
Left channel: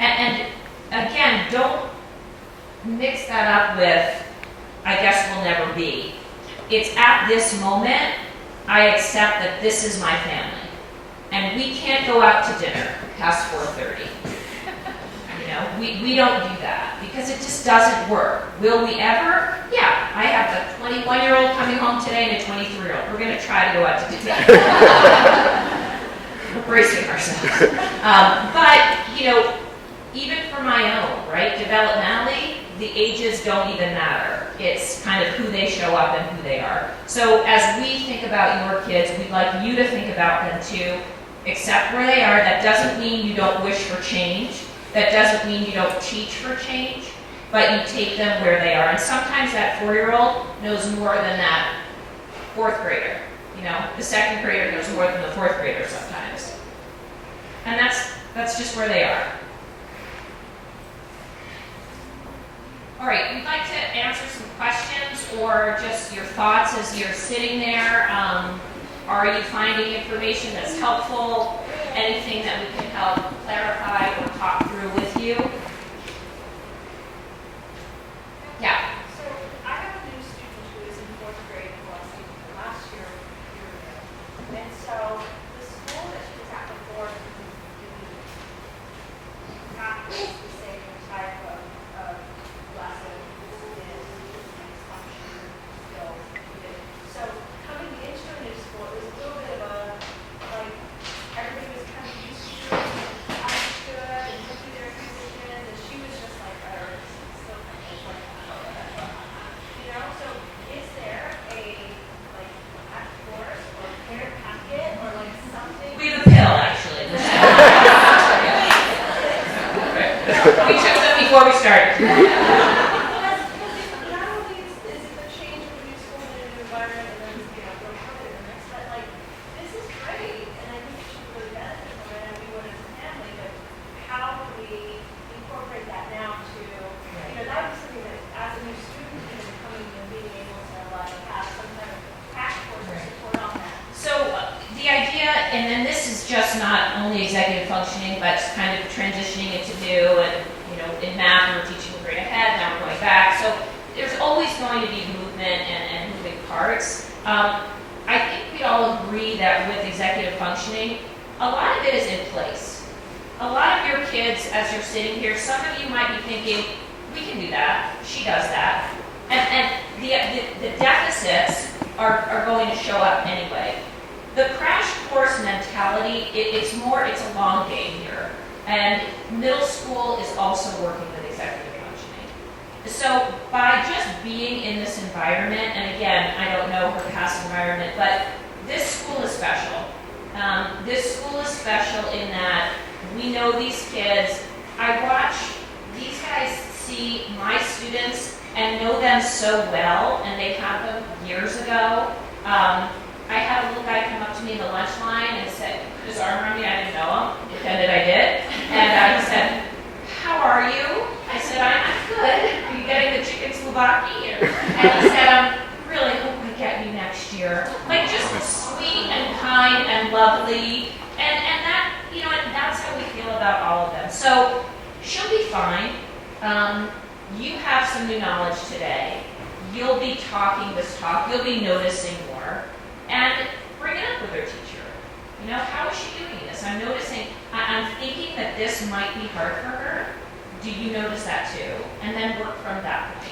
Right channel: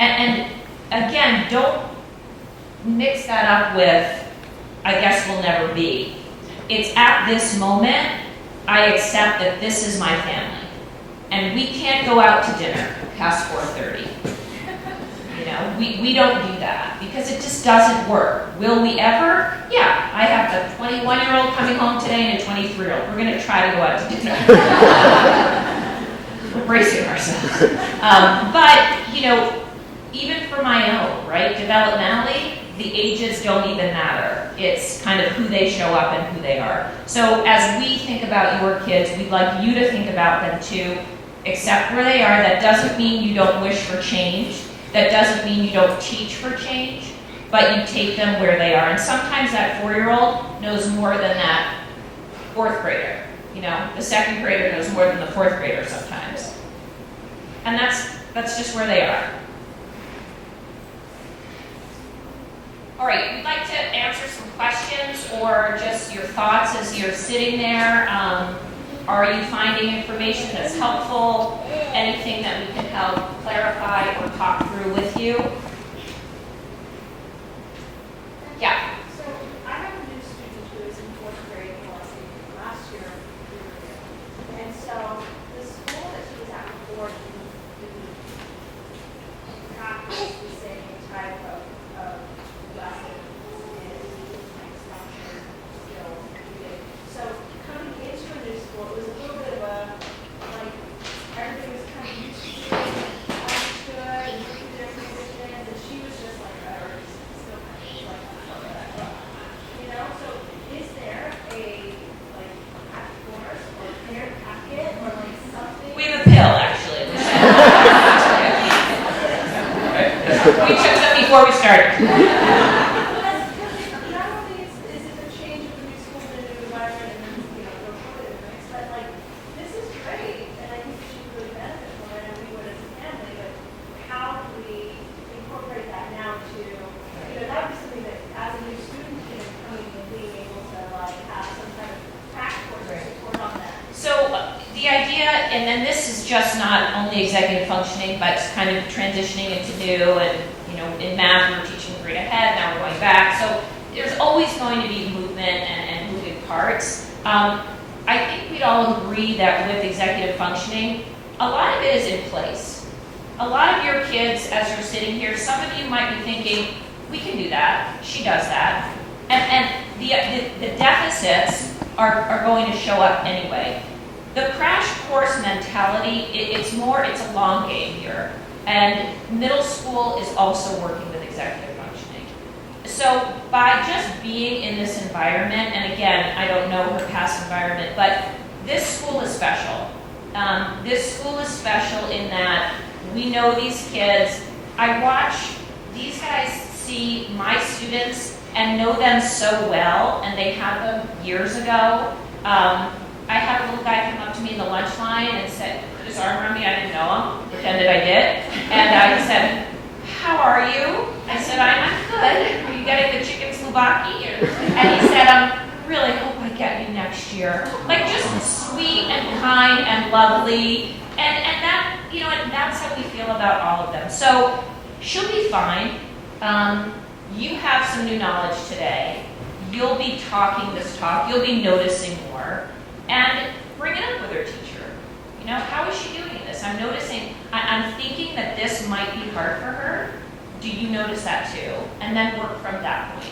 And again, don't mix that up with, I guess we'll never be. It's at this moment, I accept that this is my family. And we can't go out to dinner past 4:30. We don't do that because it just doesn't work. Will we ever? Yeah, I have a 21-year-old coming home today and a 23-year-old. We're going to try to go out to dinner. We're bracing ourselves. But, even for my own, right, developmentally, the ages don't even matter. It's kind of who they show up and who they are. So as we think about your kids, we'd like you to think about them too. Accept where they are. That doesn't mean you don't wish for change. That doesn't mean you don't teach for change, but you take them where they are. And sometimes that 4-year-old knows more than that 4th grader. The 2nd grader knows more than the 4th grader sometimes. And that's just where they are. All right, we'd like to answer some questions or just your thoughts as you're sitting there. Are you finding information that's helpful? Anything that we can help clarify or talk through with you? Yeah. So I have a new student who is in 4th grade last year. And so the school that she was at before, not the same type of lesson and structure skills. So coming into a new school, it was a little bit of everything was kind of used to it, understood, and looking at their position, and she was just like, so is there a packed course or parent packet or something? We have a pill, actually. We chose them before we started. Not only is it a change in the school, the environment, and but this is great, and I think we should really benefit from it, and we would as a family. But how do we incorporate that now to, that was something that as a new student, coming and being able to have some kind of crash course or support on that. So the idea, and then this is just not only executive functioning, but kind of transitioning into new, and in math we're teaching the grade ahead, now we're going back. So there's always going to be movement and moving parts. I think we'd all agree that with executive functioning, a lot of it is in place. A lot of your kids, as you're sitting here, some of you might be thinking, we can do that, she does that. And the deficits are going to show up anyway. The crash course mentality, it's a long game here. And middle school is also working with executive functioning. So by just being in this environment, and again, I don't know her past environment, but this school is special. This school is special in that We know these kids. I watch these guys see my students and know them so well, and they had them years ago. I had a little guy come up to me in the lunch line and said, put his arm around me, I didn't know him, pretended I did, and I said, how are you? I said, I'm good. Are you getting the chicken sloubaki? And he said, really hope I get you next year. Like, just sweet and kind and lovely, and that, you know, that's how we feel about all of them. So she'll be fine. You have some new knowledge today. You'll be talking this talk. You'll be noticing more, and bring it up with her teacher. You know, how is she doing this? I'm noticing. I'm thinking that this might be hard for her. Do you notice that too? And then work from that point.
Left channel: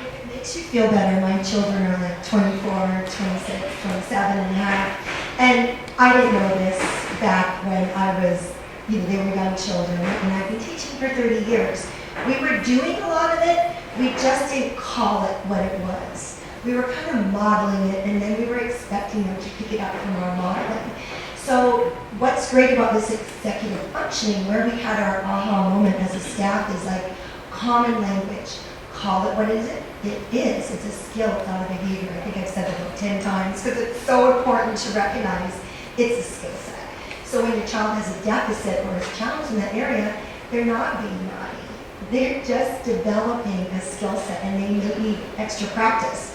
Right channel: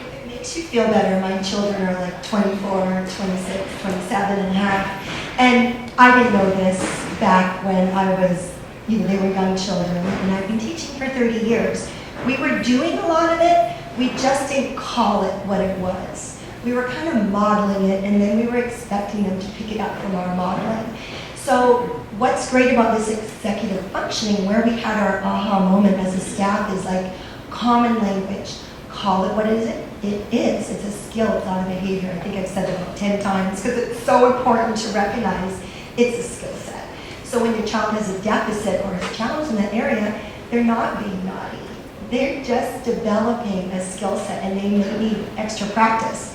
If it makes you feel better, my children are like 24, 26, 27 and a half. And I didn't know this back when I was, you know, they were young children, and I've been teaching for 30 years. We were doing a lot of it, we just didn't call it what it was. We were kind of modeling it, and then we were expecting them to pick it up from our modeling. So what's great about this executive functioning, where we had our aha moment as a staff, is like common language. Call it what it is. It is. It's a skill, it's not a behavior. I think I've said it about 10 times because it's so important to recognize it's a skill set. So when your child has a deficit or a challenge in that area, they're not being naughty. They're just developing a skill set, and they may need extra practice.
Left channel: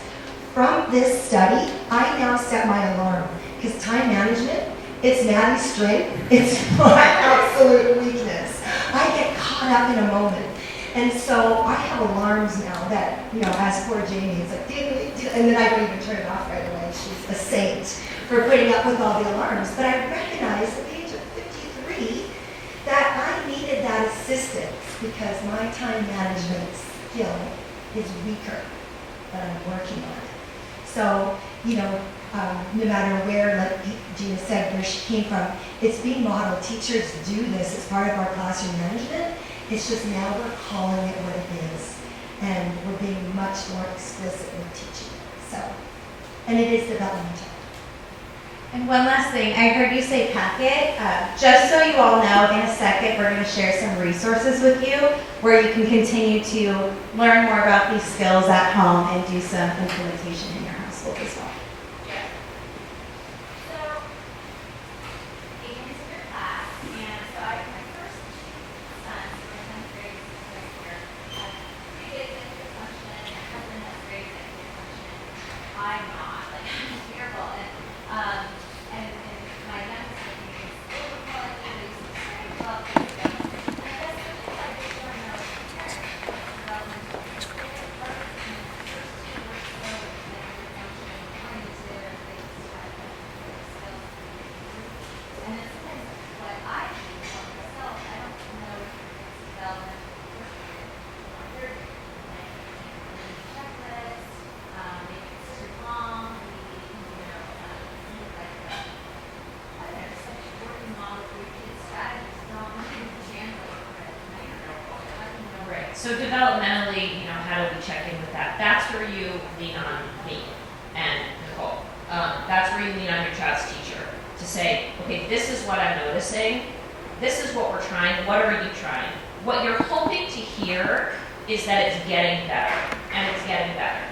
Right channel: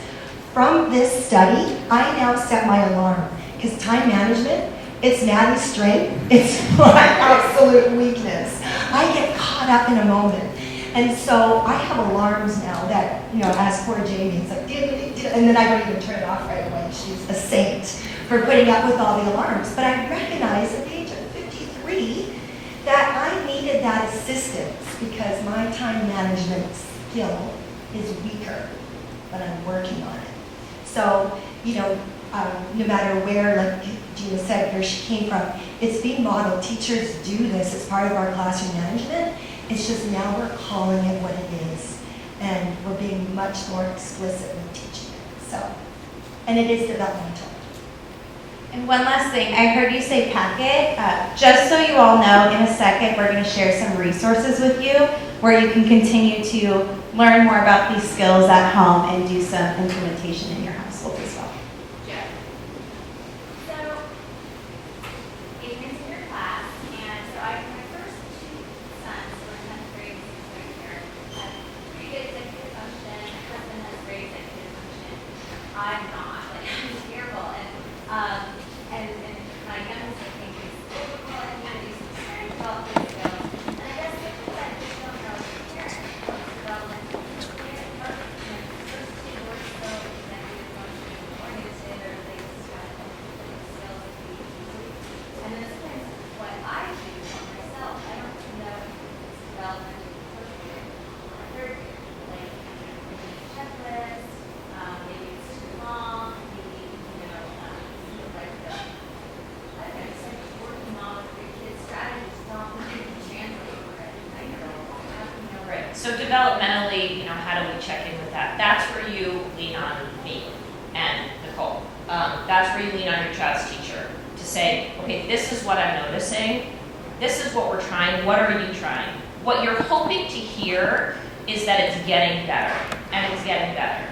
From this study, I now set my alarm because time management, it's Maddie's strength, it's my absolute weakness. I get caught up in a moment. And so I have alarms now that, you know, as poor Jamie, it's like, and then I don't even turn it off right away. She's a saint for putting up with all the alarms. But I recognize at the age of 53 that I needed that assistance because my time management skill is weaker, but I'm working on it. So, you know, no matter where, like Gina said, where she came from, it's being modeled. Teachers do this as part of our classroom management. It's just now we're calling it what it is, and we're being much more explicit with teaching. So, and it is developmental. And one last thing, I heard you say packet. Just so you all know, in a second we're going to share some resources with you where you can continue to learn more about these skills at home and do some implementation in your household as well. Yeah. So, Adrian's in your class, and so my first two sons were 10th grade and 6th grade were pretty good executive function. My husband has great executive function. I'm not, like, I'm terrible. And my youngest, I think, is a little bit more like me, but he's trying to develop good skills. And I guess the thing I just don't know as a parent what's developmental. We have parts, you know, the first two words so executive functioning, oriented, or they just have an athletic skills that we do. And then sometimes what I do for myself, I don't know if it's developmental in first grade or third grade. Like, reading a checklist, maybe it's too long, maybe, you know, like the other working model for your kids' strategies don't really translate for a 9-year-old. How can you know? Right. So developmentally, you know, how do we check in with that? That's where you lean on me and Nicole. That's where you lean on your child's teacher to say, okay, this is what I'm noticing. This is what we're trying. What are you trying? What you're hoping to hear is that it's getting better, and it's getting better.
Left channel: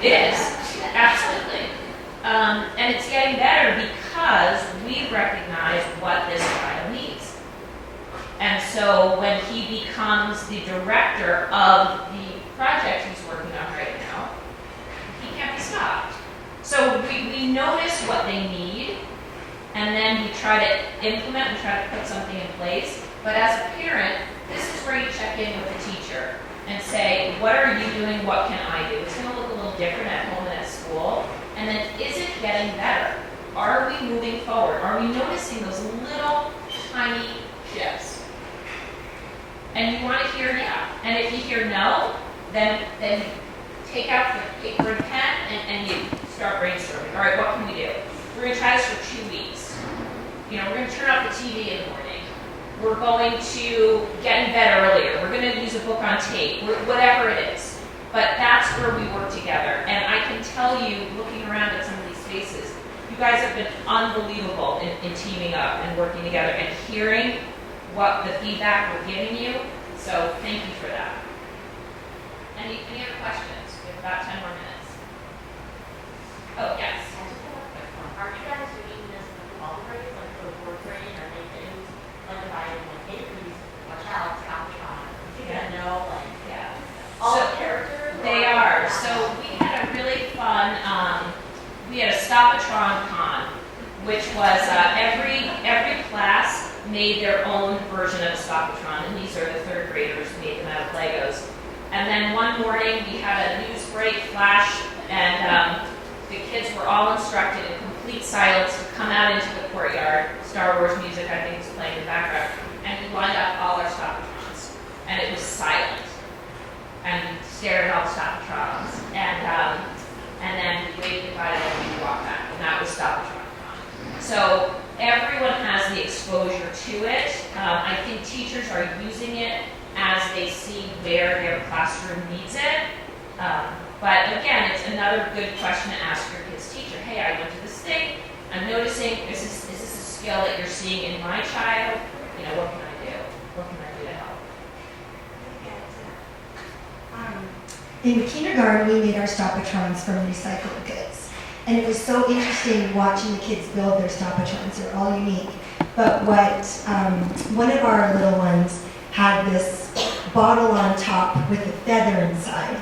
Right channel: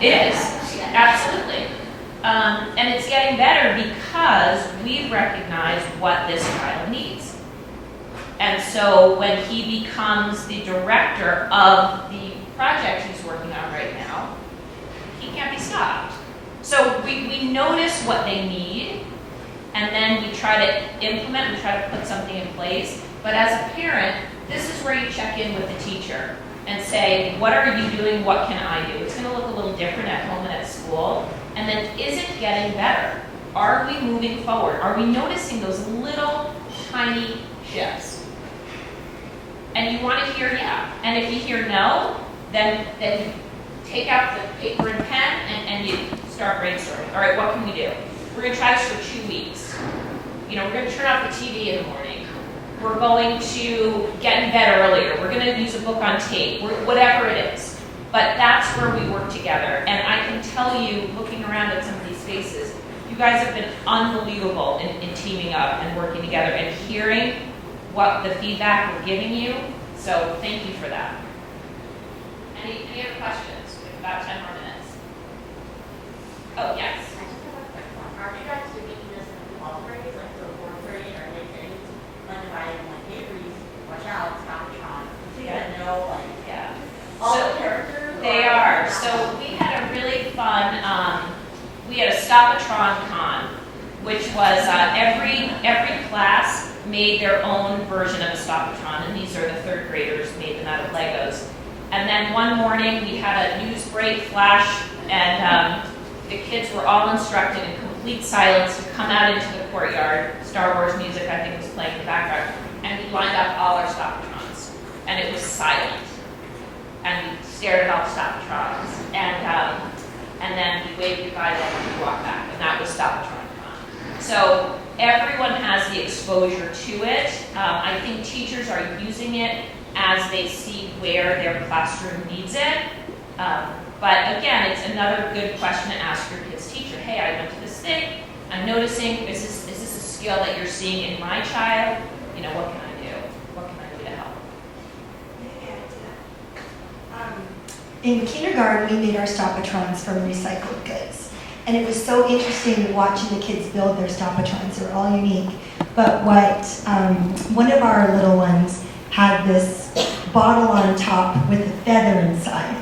It is, absolutely. And it's getting better because we recognize what this child needs. And so when he becomes the director of the project he's working on right now, he can't be stopped. So we notice what they need, and then we try to implement, we try to put something in place. But as a parent, this is where you check in with the teacher and say, what are you doing? What can I do? It's going to look a little different at home and at school. And then, is it getting better? Are we moving forward? Are we noticing those little tiny shifts? And you want to hear yeah. And if you hear no, then you take out the paper and pen and you start brainstorming. All right, what can we do? We're going to try this for 2 weeks. You know, we're going to turn off the TV in the morning. We're going to get in bed earlier. We're going to use a book on tape, whatever it is. But that's where we work together. And I can tell you, looking around at some of these faces, you guys have been unbelievable in teaming up and working together and hearing what the feedback we're giving you. So thank you for that. Any other questions? We have about 10 more minutes. Oh, yes. Are you guys doing this with all grades, like for fourth grade, or anything, like dividing, like, hey, please, watch out, Scotron? You gotta know, like, Yeah. all So, the characters? They or- are. So we had a really fun, we had a Stop-a-tron con, which was every class made their own version of a Stop-a-tron, and these are the third graders made them out of Legos. And then one morning we had a news break flash, and the kids were all instructed in complete silence to come out into the courtyard. Star Wars music, I think, was playing in the background, and we lined up all our Stop-a-trons, and it was silent. And we stared at all the Stop-a-trons, and then we waved goodbye to them and we walked back, and that was Stop-a-tron. So everyone has the exposure to it. I think teachers are using it as they see where their classroom needs it. But again, it's another good question to ask your kid's teacher. Hey, I went to this thing. I'm noticing, is this a skill that you're seeing in my child? You know, what can I do? What can I do to help? In kindergarten, we made our Stop-a-trons from recycled goods. And it was so interesting watching the kids build their Stop-a-trons. They're all unique. But one of our little ones had this bottle on top with a feather inside.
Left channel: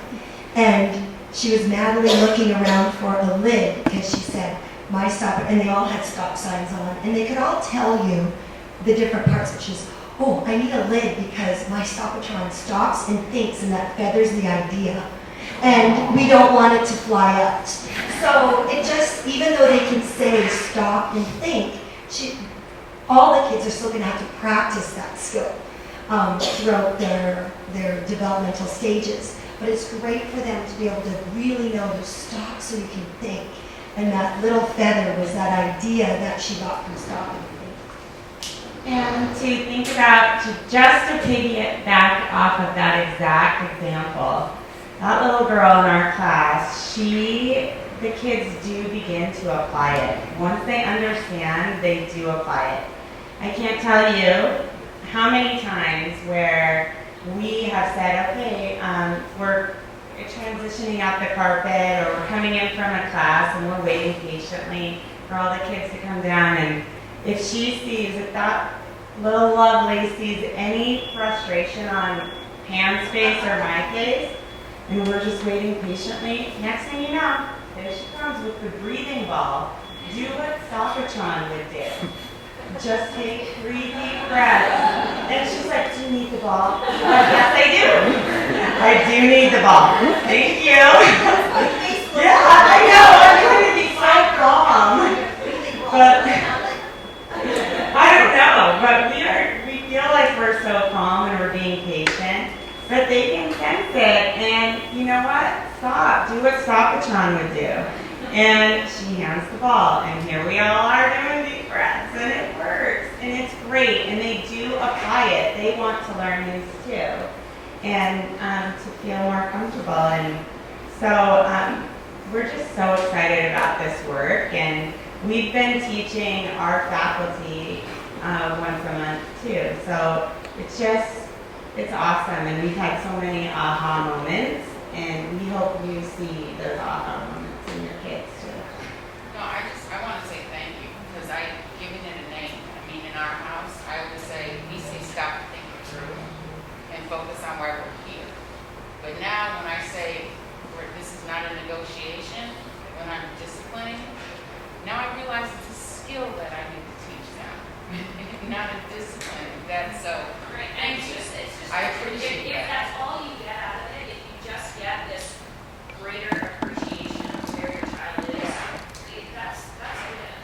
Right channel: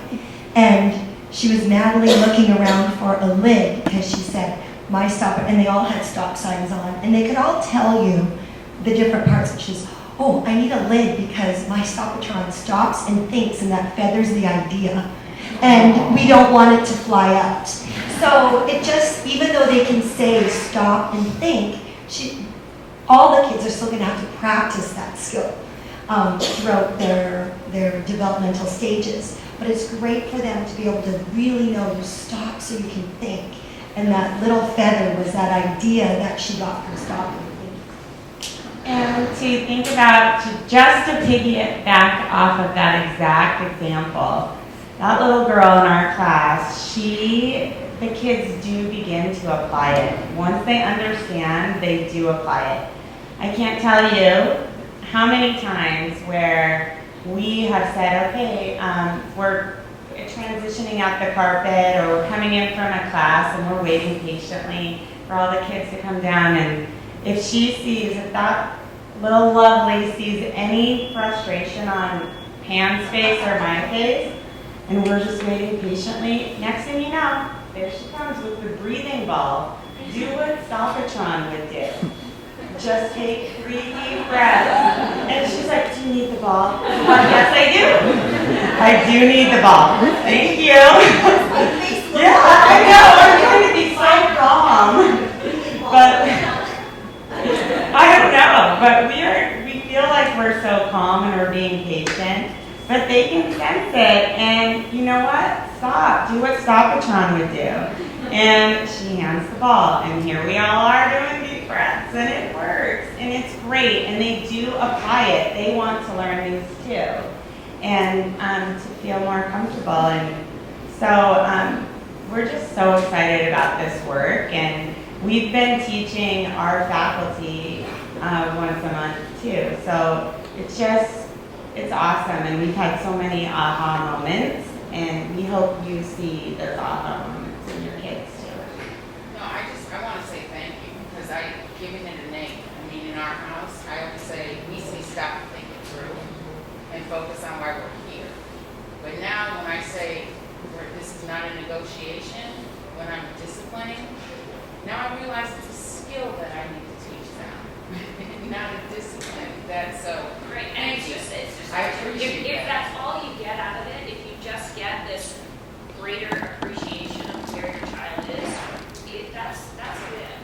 And she was madly looking around for a lid because she said, my stop, and they all had stop signs on. And they could all tell you the different parts, which is, oh, I need a lid because my Stop-a-tron stops and thinks, and that feathers the idea. And we don't want it to fly out. So it just, even though they can say stop and think, all the kids are still going to have to practice that skill throughout their developmental stages. But it's great for them to be able to really know to stop so you can think. And that little feather was that idea that she got from stopping and thinking. And to think about, just to piggyback off of that exact example, that little girl in our class, the kids do begin to apply it. Once they understand, they do apply it. I can't tell you how many times where we have said, okay, we're transitioning out the carpet, or we're coming in from a class and we're waiting patiently for all the kids to come down, and if she sees, if that little lovely sees any frustration on Pam's face or my face, and we're just waiting patiently, next thing you know, there she comes with the breathing ball. Do what Stop-a-tron would do. Just take 3 deep breaths. And she's like, do you need the ball? I'm like, yes, I do. I do need the ball. Thank you. Yeah, I know. I'm trying to be so calm. But I don't know. But we feel like we're so calm and we're being patient. But they can sense it. And you know what? Stop. Do what Stop-a-tron would do. And she hands the ball. And here we all are doing deep breaths. And it works. And it's great. And they do apply it. They want to learn these too. And to feel more comfortable. And so we're just so excited about this work. And we've been teaching our faculty once a month too. So it's awesome. And we've had so many aha moments. And we hope you see those aha moments in your kids too. No, I want to say thank you, because I've given it a name. I mean, in our house, I always say, we say stop, think it through, and focus on why we're here. But now when I say, this is not a negotiation, when I'm disciplining, now I realize it's a skill that I need to teach them, not a discipline. That's so Great. And it's just I appreciate if that. that's all you get out of it, if you just get this greater appreciation of where your child is, that's a win.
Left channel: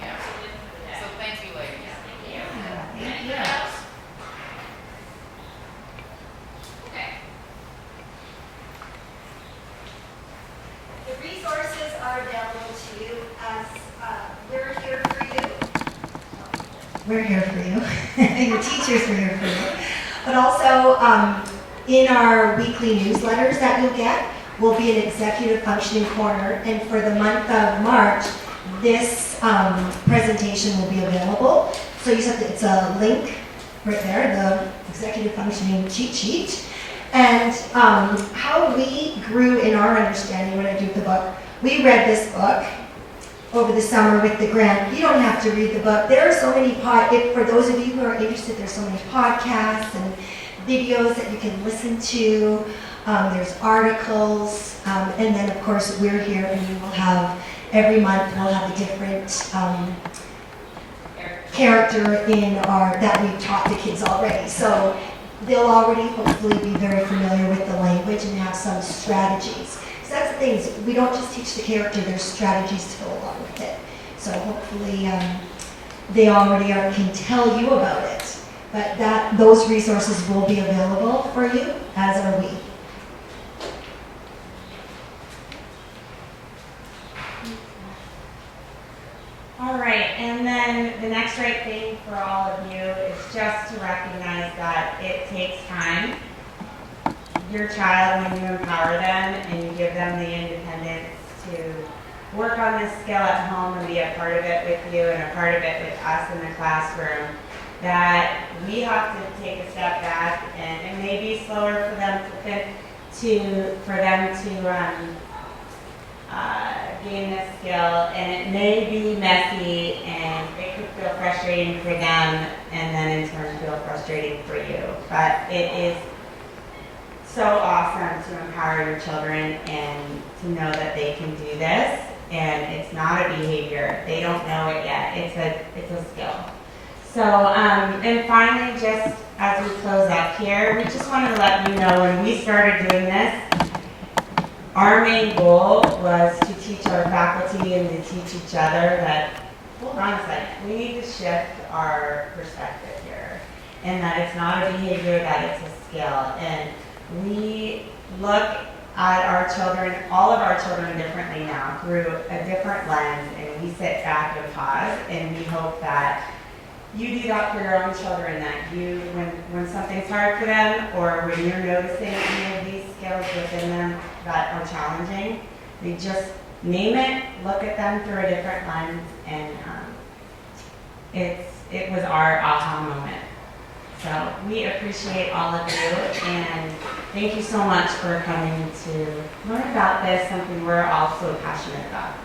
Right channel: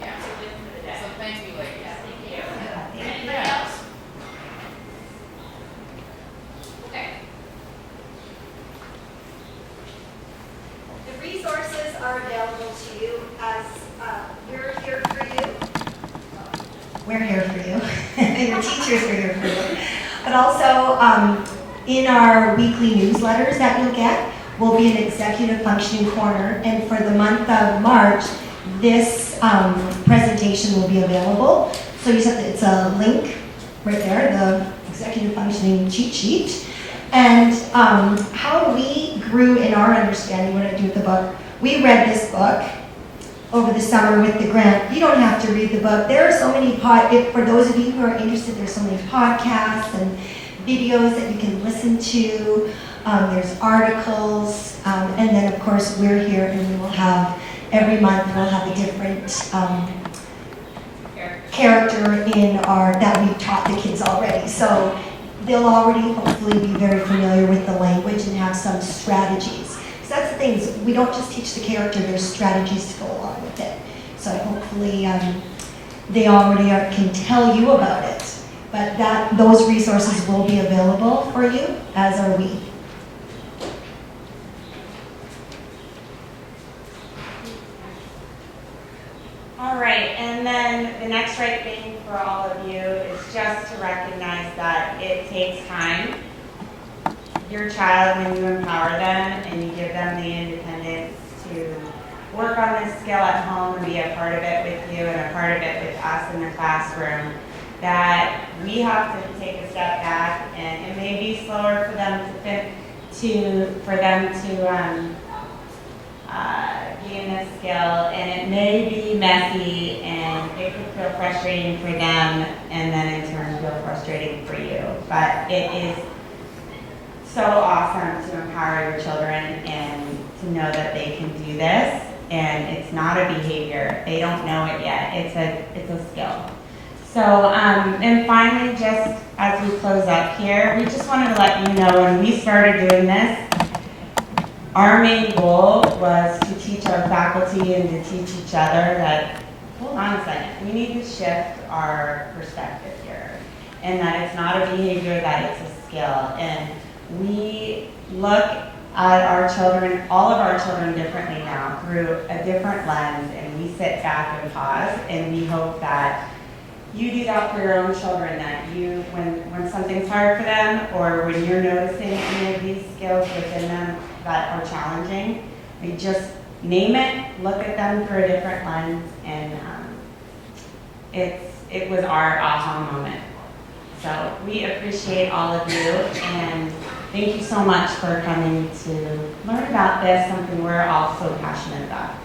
Yeah. That's a win for the day. So thank you, ladies. Yeah, thank you. Anybody else? Okay. The resources are available to you as we're here for you. We're here for you. Your teachers are here for you. But also, in our weekly newsletters that you'll get, will be an executive functioning corner, and for the month of March, this presentation will be available. So you just have to, it's a link right there, the executive functioning cheat sheet. And how we grew in our understanding when I do the book, we read this book over the summer with the grant. You don't have to read the book. There are so many, for those of you who are interested, there's so many podcasts and videos that you can listen to. There's articles, and then of course we're here, and we will have, every month we'll have a different character in our, that we've taught the kids already. So they'll already hopefully be very familiar with the language and have some strategies. So that's the thing, we don't just teach the character, there's strategies to go along with it. So hopefully they already can tell you about it. But those resources will be available for you, as are we. All right, and then the next right thing for all of you is just to recognize that it takes time. Your child, when you empower them and you give them the independence to work on this skill at home and be a part of it with you and a part of it with us in the classroom, that we have to take a step back, and it may be slower for them to gain this skill, and it may be messy, and it could feel frustrating for them, and then in turn feel frustrating for you. But it is so awesome to empower your children and to know that they can do this, and it's not a behavior. They don't know it yet. It's a skill. So, and finally, just as we close up here, we just wanted to let you know when we started doing this, our main goal was to teach our faculty and to teach each other that, hold on a second, we need to shift our perspective here, and that it's not a behavior, that it's a skill. And we look at our children, all of our children differently now, through a different lens, and we sit back and pause, and we hope that you do that for your own children, that you, when something's hard for them, or when you're noticing any of these skills within them that are challenging, you just name it, look at them through a different lens, and it was our aha moment. So we appreciate all of you, and thank you so much for coming to learn about this, something we're all so passionate about.